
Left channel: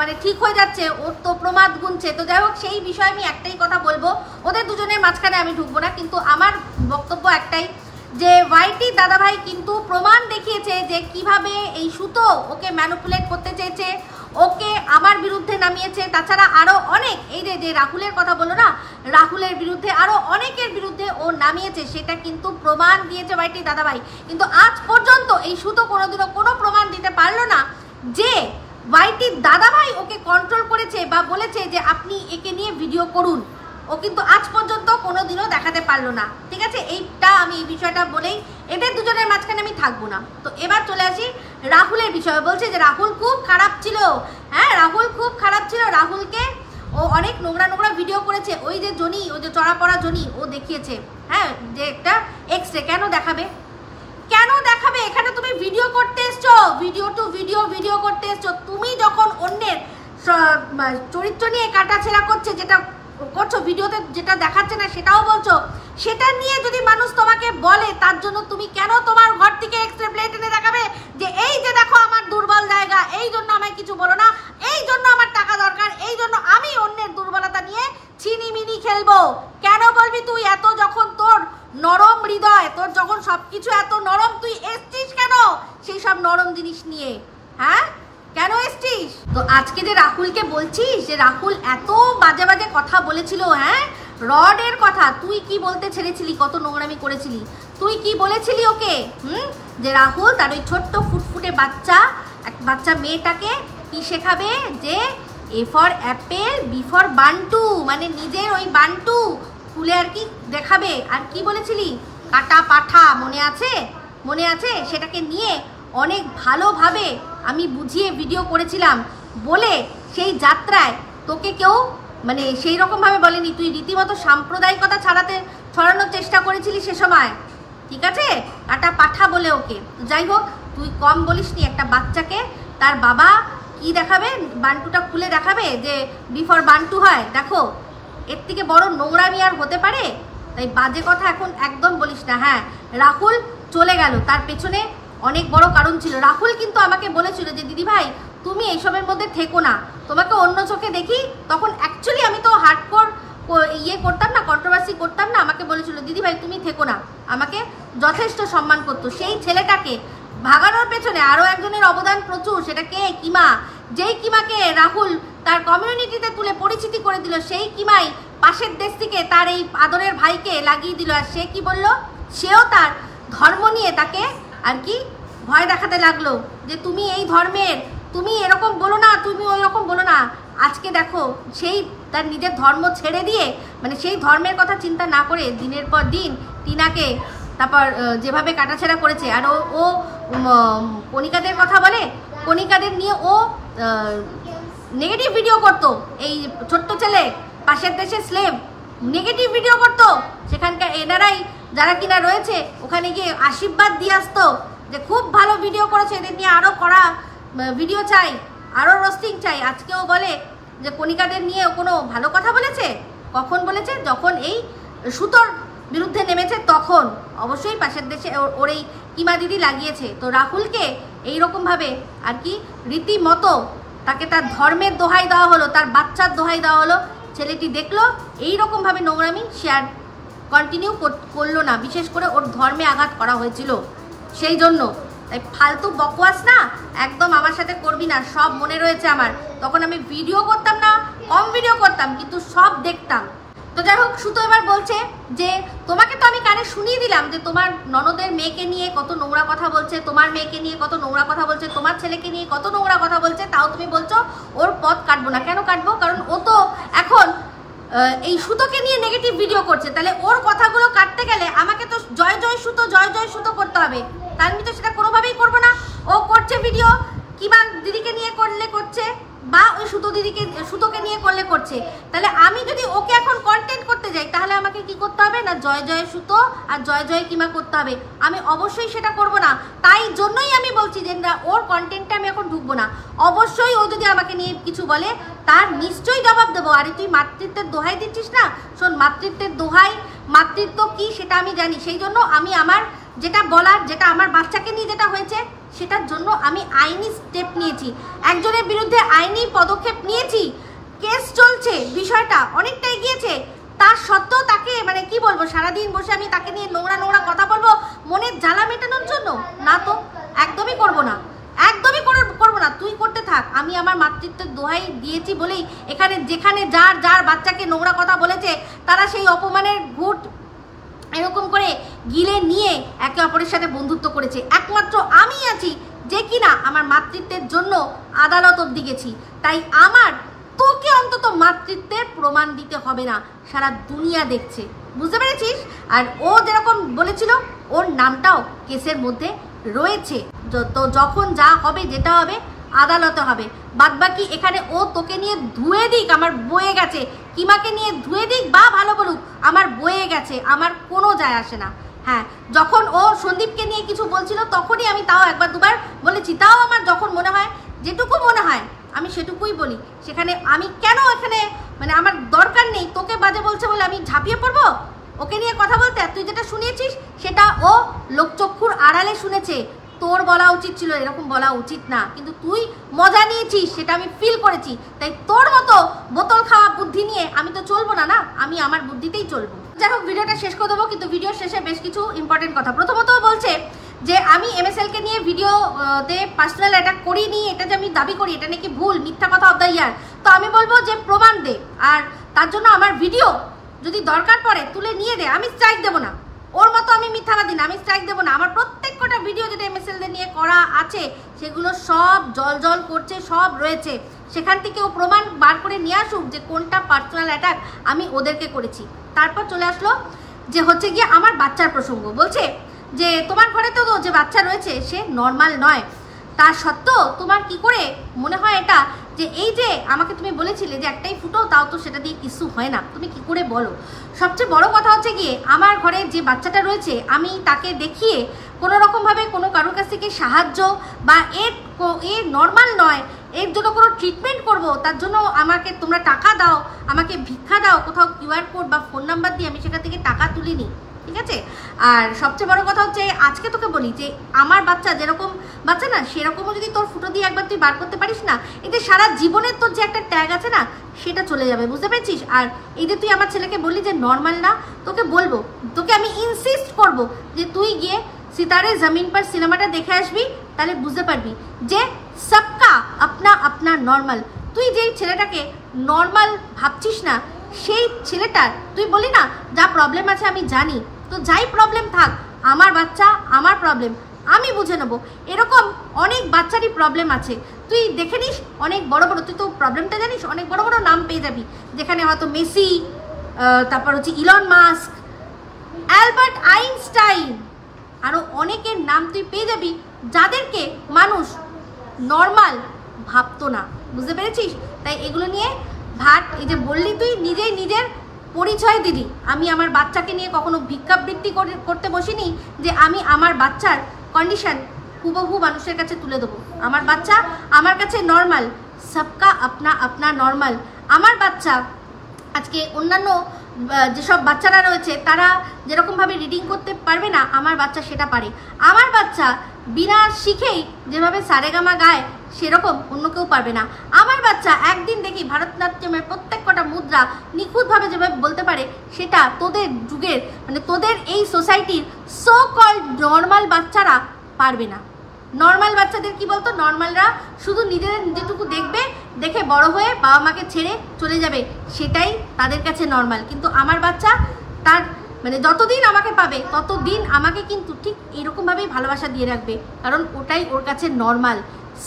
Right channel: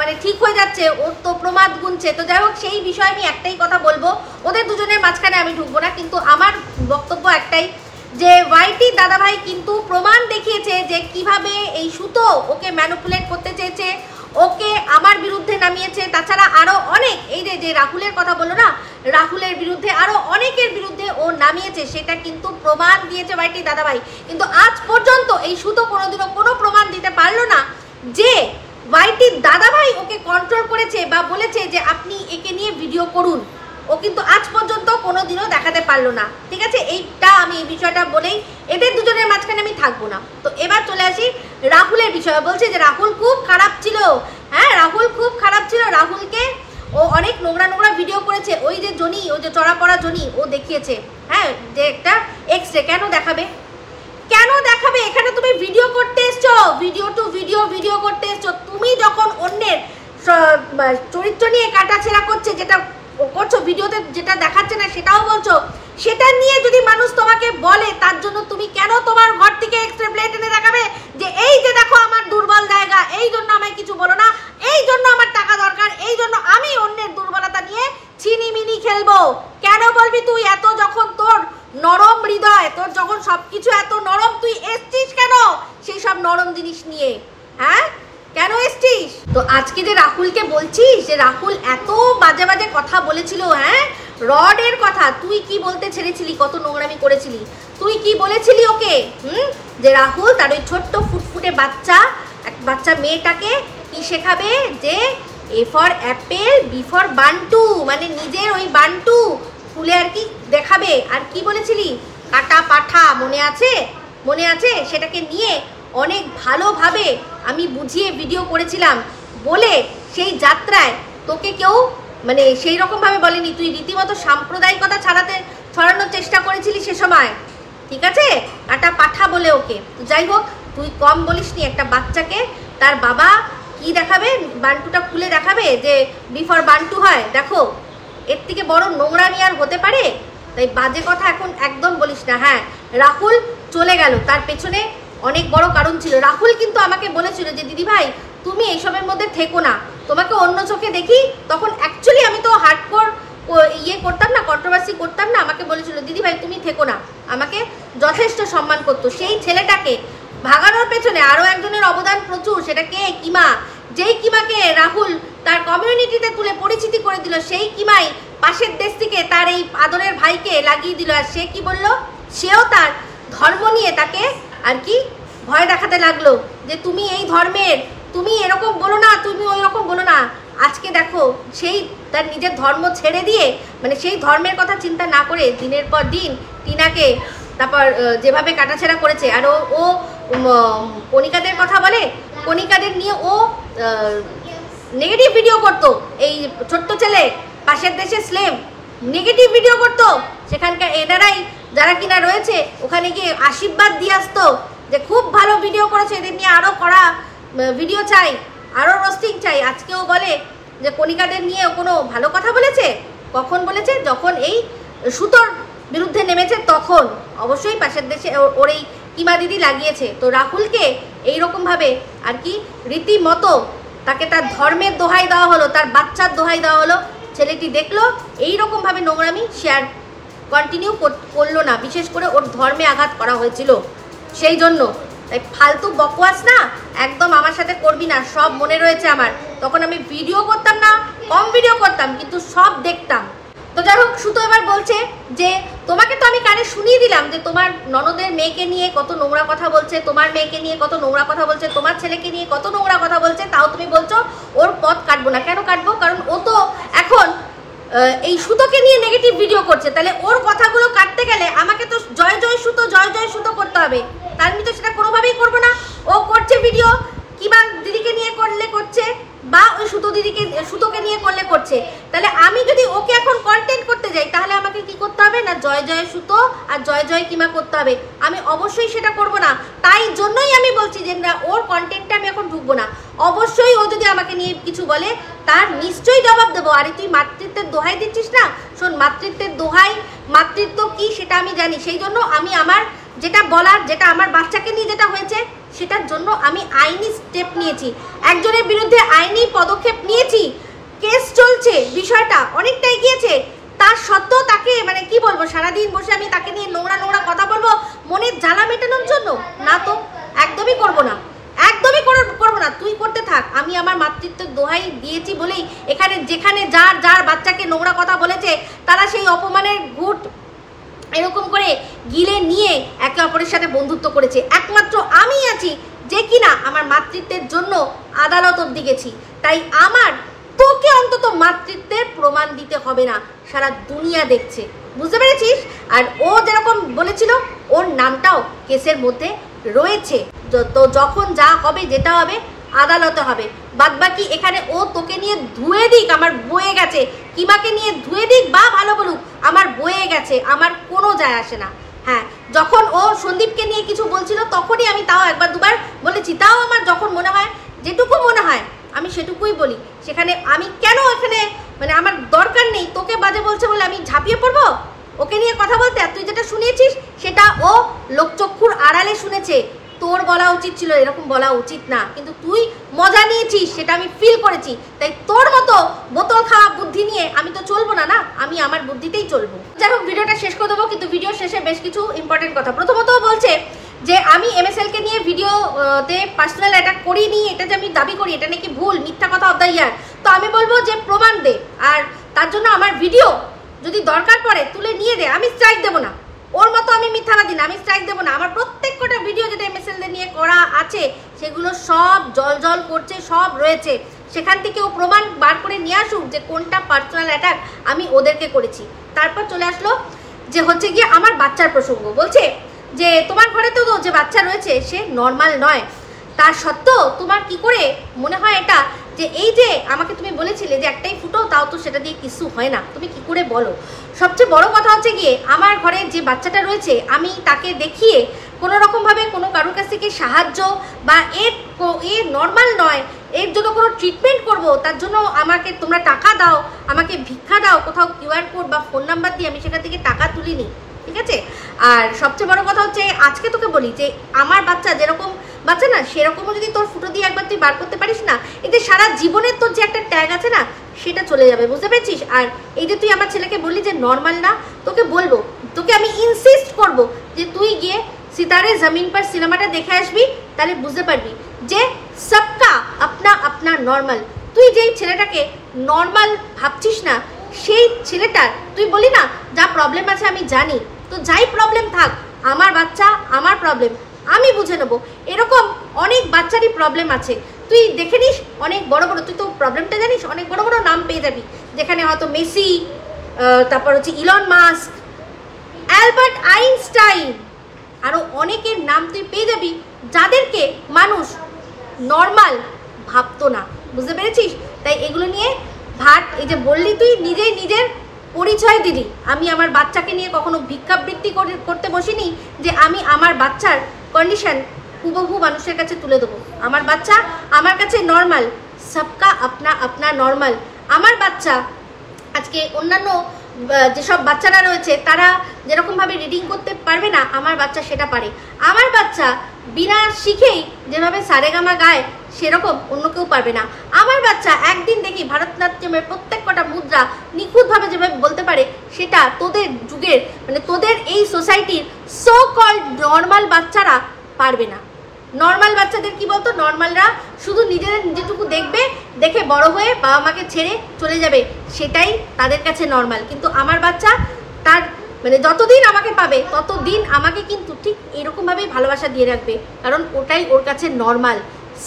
মানে ঠিক হয়ে যাচ্ছে, ওর তো প্রমাদ গুনছে। তো যাই হোক, সেই বিষয়ে আমি একটাই কথা বলবো, ওদের দুজনের মাঝখানে আমি ঢুকবো না, কিন্তু আমার বক্তব্য একটাই যে ওয়াইটি দাদাভাই কিন্তু প্রমাণ দেখিয়েছে যে কিভাবে এই সুতো ওকে ম্যানিপুলেট করতে চেয়েছে, ওকে আমার বিরুদ্ধে নামিয়েছে। তাছাড়া আরও অনেক, এই যে রাহুলের কথা বললো না, রাহুলের বিরুদ্ধে আরও অনেকের বিরুদ্ধে ও নামিয়েছে, সেটা কিন্তু প্রমাণ দিয়েছে ওয়াইটি দাদাভাই। কিন্তু আজ পর্যন্ত এই সুতো কোনোদিনও কোনো প্রমাণ দিতে পারলো না যে ওয়াইটি দাদাভাই ওকে কন্ট্রোল করেছে বা বলেছে যে আপনি একে নিয়ে ভিডিও করুন, ও কিন্তু আজ পর্যন্ত কোনোদিনও দেখাতে পারলো না। ঠিক আছে, এইটা আমি এই বিষয়টা বলেই এদের দুজনের মাঝখানে আমি থাকবো না। তো এবার চলে আসি রাহুলের বিষয়ে। বলছে যে রাহুল খুব খারাপ ছিল। হ্যাঁ, রাহুল খুব খারাপ ছিল, রাহুলকে ও অনেক নোংরা নোংরা ভিডিও করেছে। ওই যে জনি, ওই যে চড়া পড়া জনি, ও দেখিয়েছে হ্যাঁ যে একটা এক্সরে। কেন দেখাবে, কেন দেখাবে? এখানে তুমি ভিডিও করতে এসছো, ভিডিও টু ভিডিও করতে এসছো। তুমি যখন অন্যের চরিত্র নিয়ে কাটাছেড়া করছে, যেটা করছো ভিডিওতে, যেটা দেখাচ্ছে না সেটাও বলছো, সেটা নিয়ে যদি মানুষ তোমাকে বলে, তার জন্য তুমি কেন তোমার ঘর থেকে এক্সট্রা প্লেট এনে দেখাবে যে এই যে দেখো আমার দুর্বল জায়গা, এই জন্য আমায় কিছু বলো না, এই জন্য আমার টাকা দরকার, এই জন্য আমি অন্যের দুর্বলতা নিয়ে ছিনিমিনি খেলবো? কেন বলবি তুই? এত যখন তোর নরম হৃদয়, তোর যখন সবকিছু এত নরম, তুই এসছিস কেন সেই সব নরম জিনিস নিয়ে? হ্যাঁ, কেন এসছিস? তো আজকে যে রাহুলকে বলছিস যে রাহুল এত বাজে বাজে কথা বলেছিল, হ্যাঁ রডের কথা, তুই কি বলতে ছেড়েছিলি? কত নোংরামি করেছিলি? তুই কি বলেছিলি ওকে? যে রাহুল তার ওই ছোট্ট ফুটফুটে বাচ্চা মেয়েটাকে কি শেখাবে? যে A for apple, B for Bantu, মানে নিজের ওই বান্টু ফুলে আর কি দেখাবে। আর কি বলেছিলি? কাটা পাঠা, মনে আছে? মনে আছে? সেটাকে নিয়ে অনেক ভালোভাবে আমি বুঝিয়ে ভিডিও করেছিলাম বলে সেই যাত্রায় তোকে কেউ মানে সেই রকমভাবে বলেনি। তুই রীতিমতো সাম্প্রদায়িকতা ছড়ানোর চেষ্টা করেছিলি সে সময়। ঠিক আছে, কাটা পাঠা বলে ওকে। যাই হোক, তুই কম বলিসনি। একটা বাচ্চাকে তার বাবা কি দেখাবে? বান্টুটা খুলে দেখাবে যে বি ফর বান্টু হয়। দেখো, এর থেকে বড় নোংরামি আর হতে পারে? তাই বাজে কথা এখন একদম বলিস না। হ্যাঁ, রাহুল চলে গেল, তার পেছনে অনেক বড় কারণ ছিল। রাহুল কিন্তু আমাকে বলেছিল যে দিদি ভাই তুমি এইসবের মধ্যে থেকো না, তোমাকে অন্য চোখে দেখি। তখন অ্যাকচুয়ালি আমি তো হার্ডকোর করতাম না, কন্ট্রোভার্সি করতাম না। আমাকে বলেছিল দিদি ভাই তুমি থেকো না, আমাকে যথেষ্ট সম্মান করতো। সেই ছেলেটাকে ভাগানোর পেছনে আরও একজনের অবদান প্রচুর। সেটা কে? কিমা। যেই কিমাকে রাহুল তার কমিউনিটিতে তুলে পরিচিতি করে দিল, সেই কিমাই পাশের দেশ থেকে তার এই আদরের ভাইকে লাগিয়ে দিল। আর সে কি বলল? সেও তার ধর্ম নিয়ে তাকে আর কি ভয় দেখাতে লাগলো যে তুমি এই ধর্মের, তুমি এরকম বলো না, তুমি ওই রকম বলো না। আজকে দেখো, সেই তার নিজের ধর্ম ছেড়ে দিয়ে, মানে সেই ধর্মের কথা চিন্তা না করে দিনের পর দিন টিনাকে তারপর যেভাবে কাটাছেড়া করেছে। আর ও কণিকাদের কথা বলে, কণিকাদের নিয়ে ও নেগেটিভ ভিডিও করতো। এই ছোট্ট ছেলে পাশের দেশে স্লেভ, নেগেটিভ ভিডিও করতো। সেখানকার এনারাই যারা কিনা রয়েছে ওখানে গিয়ে আশীর্বাদ দিয়ে আসতো যে খুব ভালো ভিডিও করেছে, এদের নিয়ে আরও করা ভিডিও চাই, আরও রোস্টিং চাই। আজকেও বলে যে কণিকাদের নিয়ে কোনো ভালো কথা বলেছে? কখন বলেছে? যখন এই সুতোর বিরুদ্ধে নেমেছে তখন। অবশ্যই পাশের দেশে ওর এই কিমা দিদি লাগিয়েছে। তো রাহুলকে এইরকমভাবে আর কি রীতিমতো তাকে তার ধর্মের দোহাই দেওয়া হলো, তার বাচ্চার দোহাই দেওয়া হলো। ছেলেটি দেখলো এইরকমভাবে নোংরামি শেয়ার কন্টিনিউ করলো না, বিশেষ করে ওর ধর্মে আঘাত করা হয়েছিল সেই জন্য। তাই ফালতু বকওয়াস না একদম আমার সাথে করবি না, সব মনে রয়েছে আমার। তখন আমি ভিডিও করতাম না, কম ভিডিও করতাম, কিন্তু সব দেখতাম। তো যাই হোক, সুতো এবার বলছে যে তোমাকে তো আমি কানে শুনিয়ে দিলাম যে তোমার ননদের মেয়েকে নিয়ে কত নোংরা কথা বলছে, তোমার মেয়েকে নিয়ে কত নোংরা কথা বলছে, তোমার ছেলেকে নিয়ে কত নোংরা কথা বলছে, তাও তুমি বলছো ওর পথ কাটবো না। কেন কাটবো? কারণ ও তো এখন এই সুতোকে নিয়ে নেগেটিভ ভিডিও করছে। তাহলে ওর কথাগুলো কাটতে গেলে আমাকে তো জয় জয় সুতো করতে হবে। তার আমি তো সেটা কোনোভাবেই করবো না। ও করছে ভিডিও কিবা দিদিকে নিয়ে করলে করছে, বা ওই সুতোকে নিয়ে করলে করছে। তাহলে আমি যদি ওকে এখন কন্টেন্ট করতে যাই তাহলে আমাকে কি করতে হবে না জয় জয় সুতো আর জয় জয় কিমা করতে হবে। আমি অবশ্যই সেটা করব না, তাই জন্যই আমি বলছি যে না, ওর কন্টেন্টে আমি এখন ঢুকবো না। অবশ্যই ও যদি আমাকে নিয়ে কিছু বলে তার নিশ্চয়ই জবাব দেবো। আরে তুই মাতৃত্বের দোহাই দিচ্ছিস না, শোন, মাতৃত্বের দোহাই, মাতৃত্ব কি সেটা আমি জানি। সেই জন্য আমি আমার যেটা বলার, যেটা আমার বাচ্চাকে নিয়ে যেটা হয়েছে সেটার জন্য আমি আইনি স্টেপ নিয়েছি, একজনের বিরুদ্ধে আইনি পদক্ষেপ নিয়েছি, কেস চলছে, বিষয়টা অনেকটাই গিয়েছে। তার সত্ত্বেও তাকে মানে কি বলবো, সারাদিন বসে আমি তাকে নিয়ে নোংরা নোংরা কথা বলবো মনের জ্বালা মেটানোর জন্য? না তো, একদমই করবো না, একদমই করবো না। তুই করতে থাক, আমি আমার মাতৃত্বের দোহাই দিয়েছি বলেই এখানে যেখানে যার যার বাচ্চাকে নোংরা কথা বলেছে তারা সেই অপমানের ঘুট এরকম করে গিলে নিয়ে একে অপরের সাথে বন্ধুত্ব করেছে। একমাত্র আমি আছি যে কিনা আমার মাতৃত্বের জন্য আদালত অবধি গেছি। তাই আমার তোকে অন্তত মাতৃত্বের প্রমাণ দিতে হবে না, সারা দুনিয়া দেখছে, বুঝতে পেরেছিস? আর ও যেরকম বলেছিল ওর নামটাও কেসের মধ্যে রয়েছে। তো যখন যা হবে, যেটা হবে আদালতে হবে। বাদবাকি এখানে ও তোকে নিয়ে ধুয়ে দিক, আমার বয়ে গেছে, কিমাকে নিয়ে ধুয়ে দিক বা ভালো বলুক, আমার বয়ে গেছে, আমার কোনো যায় আসে না। হ্যাঁ, যখন ও সন্দীপকে নিয়ে কিছু বলছিল তখনই আমি তাও একবার দুবার বলেছি, তাও আমার যখন মনে হয়, যেটুকু মনে হয় আমি সেটুকুই বলি। সেখানে আমি কেন এখানে মানে আমার দরকার নেই, তোকে বাজে বলছে বলে আমি ঝাঁপিয়ে পড়বো ওকে নিয়ে কথা বলতে। আর তুই যেটা শুনিয়েছিস সেটা ও লোকচক্ষুর আড়ালে শুনেছে, তোর বলা উচিত ছিল, এরকম বলা উচিত না, কিন্তু তুই মজা নিয়েছিস, সেটা আমি ফিল করেছি। তাই তোর মতো বোতল খাওয়া বুদ্ধি নিয়ে আমি তো চলবো না, আমি আমার বুদ্ধিতেই চলবো। যাই হোক, ভিডিওটা শেষ করে দেবো, কিন্তু ভিডিও শেষে বেশ কিছু ইম্পর্টেন্ট কথা। প্রথমত বলছে যে আমি MSLকে নিয়ে ভিডিওতে পার্সোনাল অ্যাটাক করিনি, এটা যে আমি দাবি করি এটা নাকি ভুল, মিথ্যা কথা অফ দ্য ইয়ার। তো আমি বলবো যে প্রমাণ দে, আর তার জন্য আমার ভিডিও যদি দরকার পড়ে তুলে নিয়ে দে, আমি স্ট্রাইক দেবো না। ওর মতো আমি মিথ্যাবাদী না, আমি স্ট্রাইক দেবো না। আমার প্রত্যেক কটা ভিডিও যেটা MSLদের নিয়ে করা আছে সেগুলো সব জল জল করছে, সব রয়েছে। সেখান থেকে ও প্রমাণ বার করে নিয়ে আসুক যে কোনটা পার্সোনাল অ্যাটাক আমি ওদেরকে করেছি। তারপর চলে আসলো যে হচ্ছে গিয়ে আমার বাচ্চার প্রসঙ্গ। বলছে যে তোমার ঘরে তো যে বাচ্চা রয়েছে সে নর্মাল নয়, তার সত্ত্বেও তোমার কি করে মনে হয় এটা যে এই যে আমাকে তুমি বলেছিলে যে একটাই ফুটো, তাও তো সেটা দিয়ে কিছু হয় না, তুমি কি করে বলো? সবচেয়ে বড় কথা হচ্ছে গিয়ে আমার ঘরে যে বাচ্চাটা রয়েছে আমি তাকে দেখিয়ে কোনো রকমভাবে কোনো কারোর কাছ থেকে সাহায্য বা এ নর্মাল নয়, এর জন্য কোনো ট্রিটমেন্ট করব, তার জন্য আমাকে তোমরা টাকা দাও, আমাকে ভিক্ষা দাও, কোথাও QR কোড বা ফোন নাম্বার দিয়ে আমি সেখান থেকে টাকা তুলিনি, ঠিক আছে? আর সবচেয়ে বড় কথা হচ্ছে আজকে তোকে বলি যে আমার বাচ্চা যেরকম বাচ্চা না, সেরকমও যদি তোর ফুটো দিয়ে একবার তুই বার করতে পারিস না, এতে সারা জীবনের তোর যে একটা ট্যাগ আছে না সেটা চলে যাবে, বুঝতে পেরেছিস? আর এই যে তুই আমার ছেলেকে বললি যে নর্মাল না, তোকে বলবো, তোকে আমি ইনসিস্ট করব যে তুই গিয়ে সিতারে জমিন পর সিনেমাটা দেখে আসবি, তাহলে বুঝতে পারবি যে সবকা আপনা আপনা নর্মাল। তুই যেই ছেলেটাকে নর্মাল ভাবছিস না, সেই ছেলেটার তুই বলি না যা প্রবলেম আছে আমি জানি, তো যাই প্রবলেম থাক, আমার বাচ্চা আমার প্রবলেম আমি বুঝে নেবো। এরকম অনেক বাচ্চারই প্রবলেম আছে, তুই দেখে নিস অনেক বড় বড়, তুই তো প্রবলেমটা জানিস, অনেক বড় বড় নাম পেয়ে যাবি, যেখানে হয়তো মেসি, তারপর হচ্ছে ইলন মাস্ক, অ্যালবার্ট আইনস্টাইন, আরও অনেকের নাম তুই পেয়ে যাবি যাদেরকে মানুষ নর্মাল ভাবতো না, বুঝতে পেরেছিস? তাই এগুলো নিয়ে ভাট, এই যে বললি তুই নিজেই নিজের পরিচয় দিলি। আমি আমার বাচ্চাকে নিয়ে কখনো ভিক্ষাবৃত্তি করতে বসিনি যে আমি আমার বাচ্চার কন্ডিশন হুবহু মানুষের কাছে তুলে দেবো। আমার বাচ্চা আমার কাছে নর্মাল, সবকা আপনা আপনা নর্মাল। আমার বাচ্চা আজকে অন্যান্য যেসব বাচ্চারা রয়েছে তারা যেরকমভাবে রিডিং করতে পারবে না, আমার বাচ্চা সেটা পারে। আমার বাচ্চা বিনা শিখেই যেভাবে সারেগামা গায় সেরকম অন্য কেউ পারবে না। আমার বাচ্চা একদিন দেখি ভারতনাট্যমের প্রত্যেক কটা মুদ্রা নিখুঁতভাবে যেভাবে বলতে পারে, সেটা তোদের যুগের মানে তোদের এই সোসাইটির সো কল্ড নর্মাল বাচ্চারা পারবে না। নর্মাল বাচ্চাদের কি বলতো, নর্মালরা শুধু নিজেদের নিজেটুকু দেখবে, দেখে বড় হয়ে বাবা মাকে ছেড়ে চলে যাবে, সেটাই তাদের কাছে নর্মাল। কিন্তু আমার বাচ্চা তার মানে যতদিন আমাকে পাবে ততদিন আমাকে কিন্তু ঠিক এইরকমভাবেই ভালোবাসা দিয়ে রাখবে, কারণ ওটাই ওর কাছে নর্মাল।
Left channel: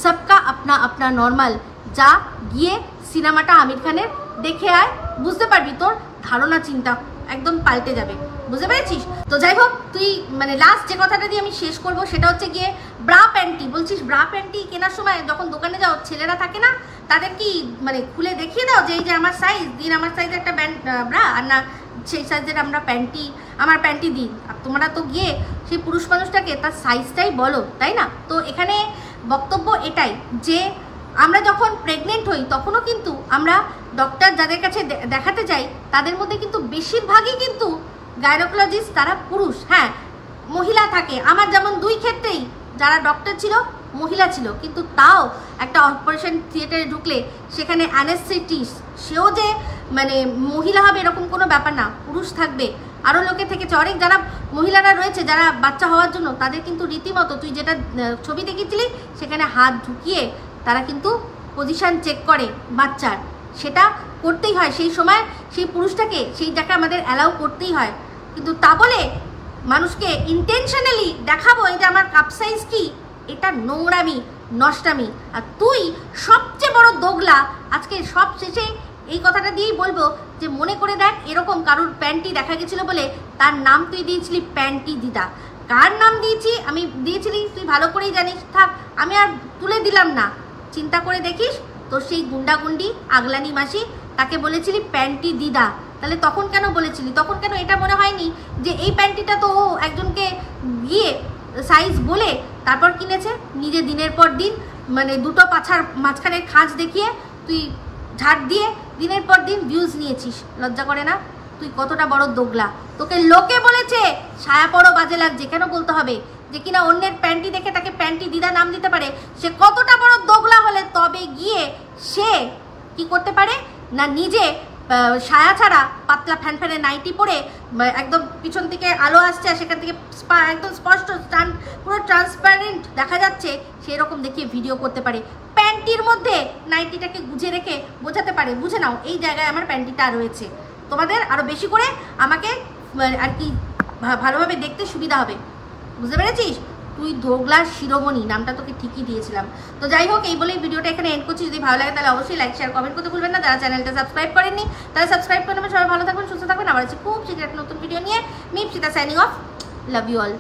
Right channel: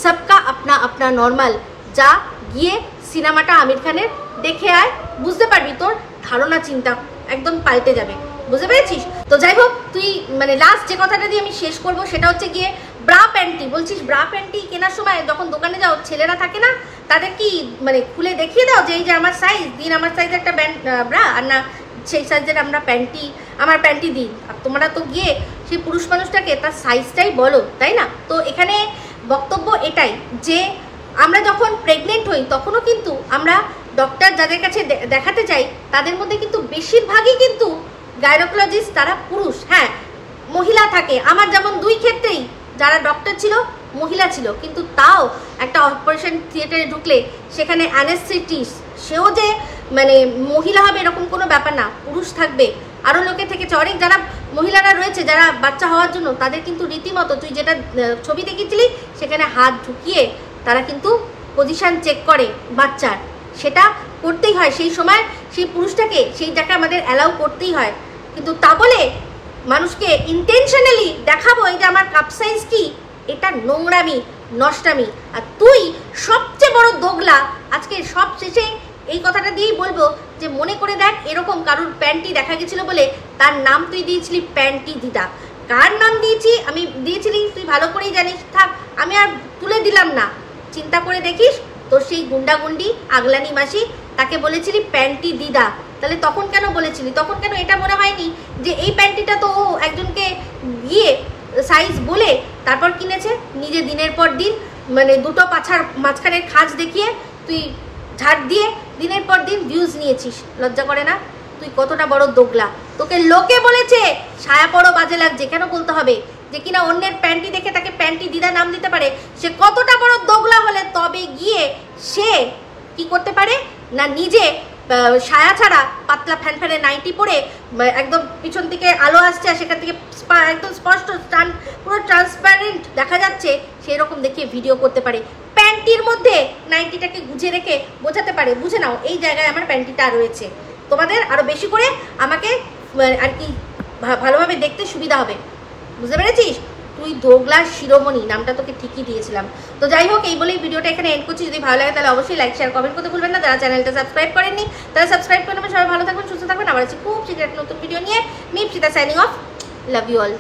সবকা আপনা আপনা নর্মাল। যা গিয়ে সিনেমাটা আমির খানের দেখে আয়, বুঝতে পারবি তোর ধারণা চিন্তা একদম পাল্টে যাবে, বুঝতে পেরেছিস? তো যাই হোক, তুই মানে লাস্ট যে কথাটা দিয়ে আমি শেষ করব সেটা হচ্ছে গিয়ে ব্রা প্যান্টি। বলছিস ব্রা প্যান্টি কেনার সময় যখন দোকানে যাও ছেলেরা থাকে না, তাদের কি মানে খুলে দেখিয়ে দাও যে এই যে আমার সাইজ, দিন আমার সাইজ একটা ব্রা, আর না সেই সাইজের আমার প্যান্টি দিই, আর তোমরা তো গিয়ে সেই পুরুষ মানুষটাকে তার সাইজটাই বলো, তাই না? তো এখানে বক্তব্য এটাই যে আমরা যখন প্রেগনেন্ট হই তখনও কিন্তু আমরা ডক্টর যাদের কাছে দেখাতে যাই তাদের মধ্যে কিন্তু বেশিরভাগই কিন্তু গাইনোকোলজিস্ট তারা পুরুষ। হ্যাঁ, মহিলা থাকে, আমার যেমন 2 ক্ষেত্রেই যারা ডক্টর ছিল মহিলা ছিল, কিন্তু তাও একটা অপারেশন থিয়েটারে ঢুকলে সেখানে অ্যানেস্থেটিস্ট সেও যে মানে মহিলা হবে এরকম কোনো ব্যাপার না, পুরুষ থাকবে। আরও লোকে থেকেছে, অনেক যারা মহিলারা রয়েছে যারা বাচ্চা হওয়ার জন্য তাদের কিন্তু রীতিমতো তুই যেটা ছবি দেখেছিলি সেখানে হাত ঢুকিয়ে তারা কিন্তু পজিশান চেক করে বাচ্চার, সেটা করতেই হয় সেই সময়, সেই পুরুষটাকে সেই জায়গায় আমাদের অ্যালাউ করতেই হয়। কিন্তু তা বলে মানুষকে ইন্টেনশনালি দেখাবো এই যে আমার কাপ সাইজ কি, এটা নোংরামি, নষ্টামি। আর তুই সবচেয়ে বড় দোগলা। আজকে সব শেষে এই কথাটা দিয়েই বলবো যে মনে করে দেখ, এরকম কারোর প্যান্টি দেখা গেছিল বলে তার নাম তুই দিয়েছিলি প্যান্টি দিদা। কার নাম দিয়েছি আমি দিয়েছিলি তুই ভালো করেই জানিস, থাক আমি আর তুলে দিলাম না। চিন্তা করে দেখিস তোর সেই গুন্ডাগুন্ডি আগলানি মাসি তাকে বলেছিলি প্যান্টি দিদা, তাহলে তখন কেন বলেছিলি? তখন কেন এটা মনে হয়নি যে এই প্যান্টিটা তো ও একজনকে গিয়ে সাইজ বলে তারপর কিনেছে, নিজে দিনের পর দিন মানে 2টো পাছার মাঝখানের খাঁজ দেখিয়ে তুই ঝাড় দিয়ে দিনের পর দিন ভিউজ নিয়েছিস? লজ্জা করে না? তুই কতটা বড় দোগলা। তোকে লোকে বলেছে ছায়া পড়ো বাজে লাগছে, কেন বলতে হবে যে কিনা অন্যের প্যান্টি দেখে তাকে প্যান্টি দিদা নাম দিতে পারে? সে কতটা বড় দোগলা হলে তবে গিয়ে সে কি করতে পারে না, নিজে ছায়া ছাড়া পাতলা ফ্যানফ্যানে নাইটি পরে একদম পিছন থেকে আলো আসছে আর সেখান থেকে একদম স্পষ্ট পুরো ট্রান্সপারেন্ট দেখা যাচ্ছে সেই রকম দেখিয়ে ভিডিও করতে পারে। প্যান্টির মধ্যে নাইটিটাকে গুজে রেখে বোঝাতে পারে, বুঝে নাও এই জায়গায় আমার প্যান্টিটা রয়েছে। তোমাদের আরও বেশি করে আমাকে আর কি ভালোভাবে দেখতে সুবিধা হবে, বুঝতে পেরেছিস? তুই দোগলার শিরোমণি নামটা তোকে ঠিকই দিয়েছিলাম। তো যাই হোক, এই বলেই ভিডিওটা এখানে এন্ড করছি। যদি ভালো লাগে তাহলে অবশ্যই লাইক শেয়ার কমেন্ট করতে ভুলবেন না। যারা চ্যানেলটা সাবস্ক্রাইব করেননি তারা সাবস্ক্রাইব করে নেবেন। সবাই ভালো থাকবেন, সুস্থ থাকবেন। আবার আছে খুব শীঘ্র একটা নতুন ভিডিও নিয়ে। Me Ipsita signing off. Love you all.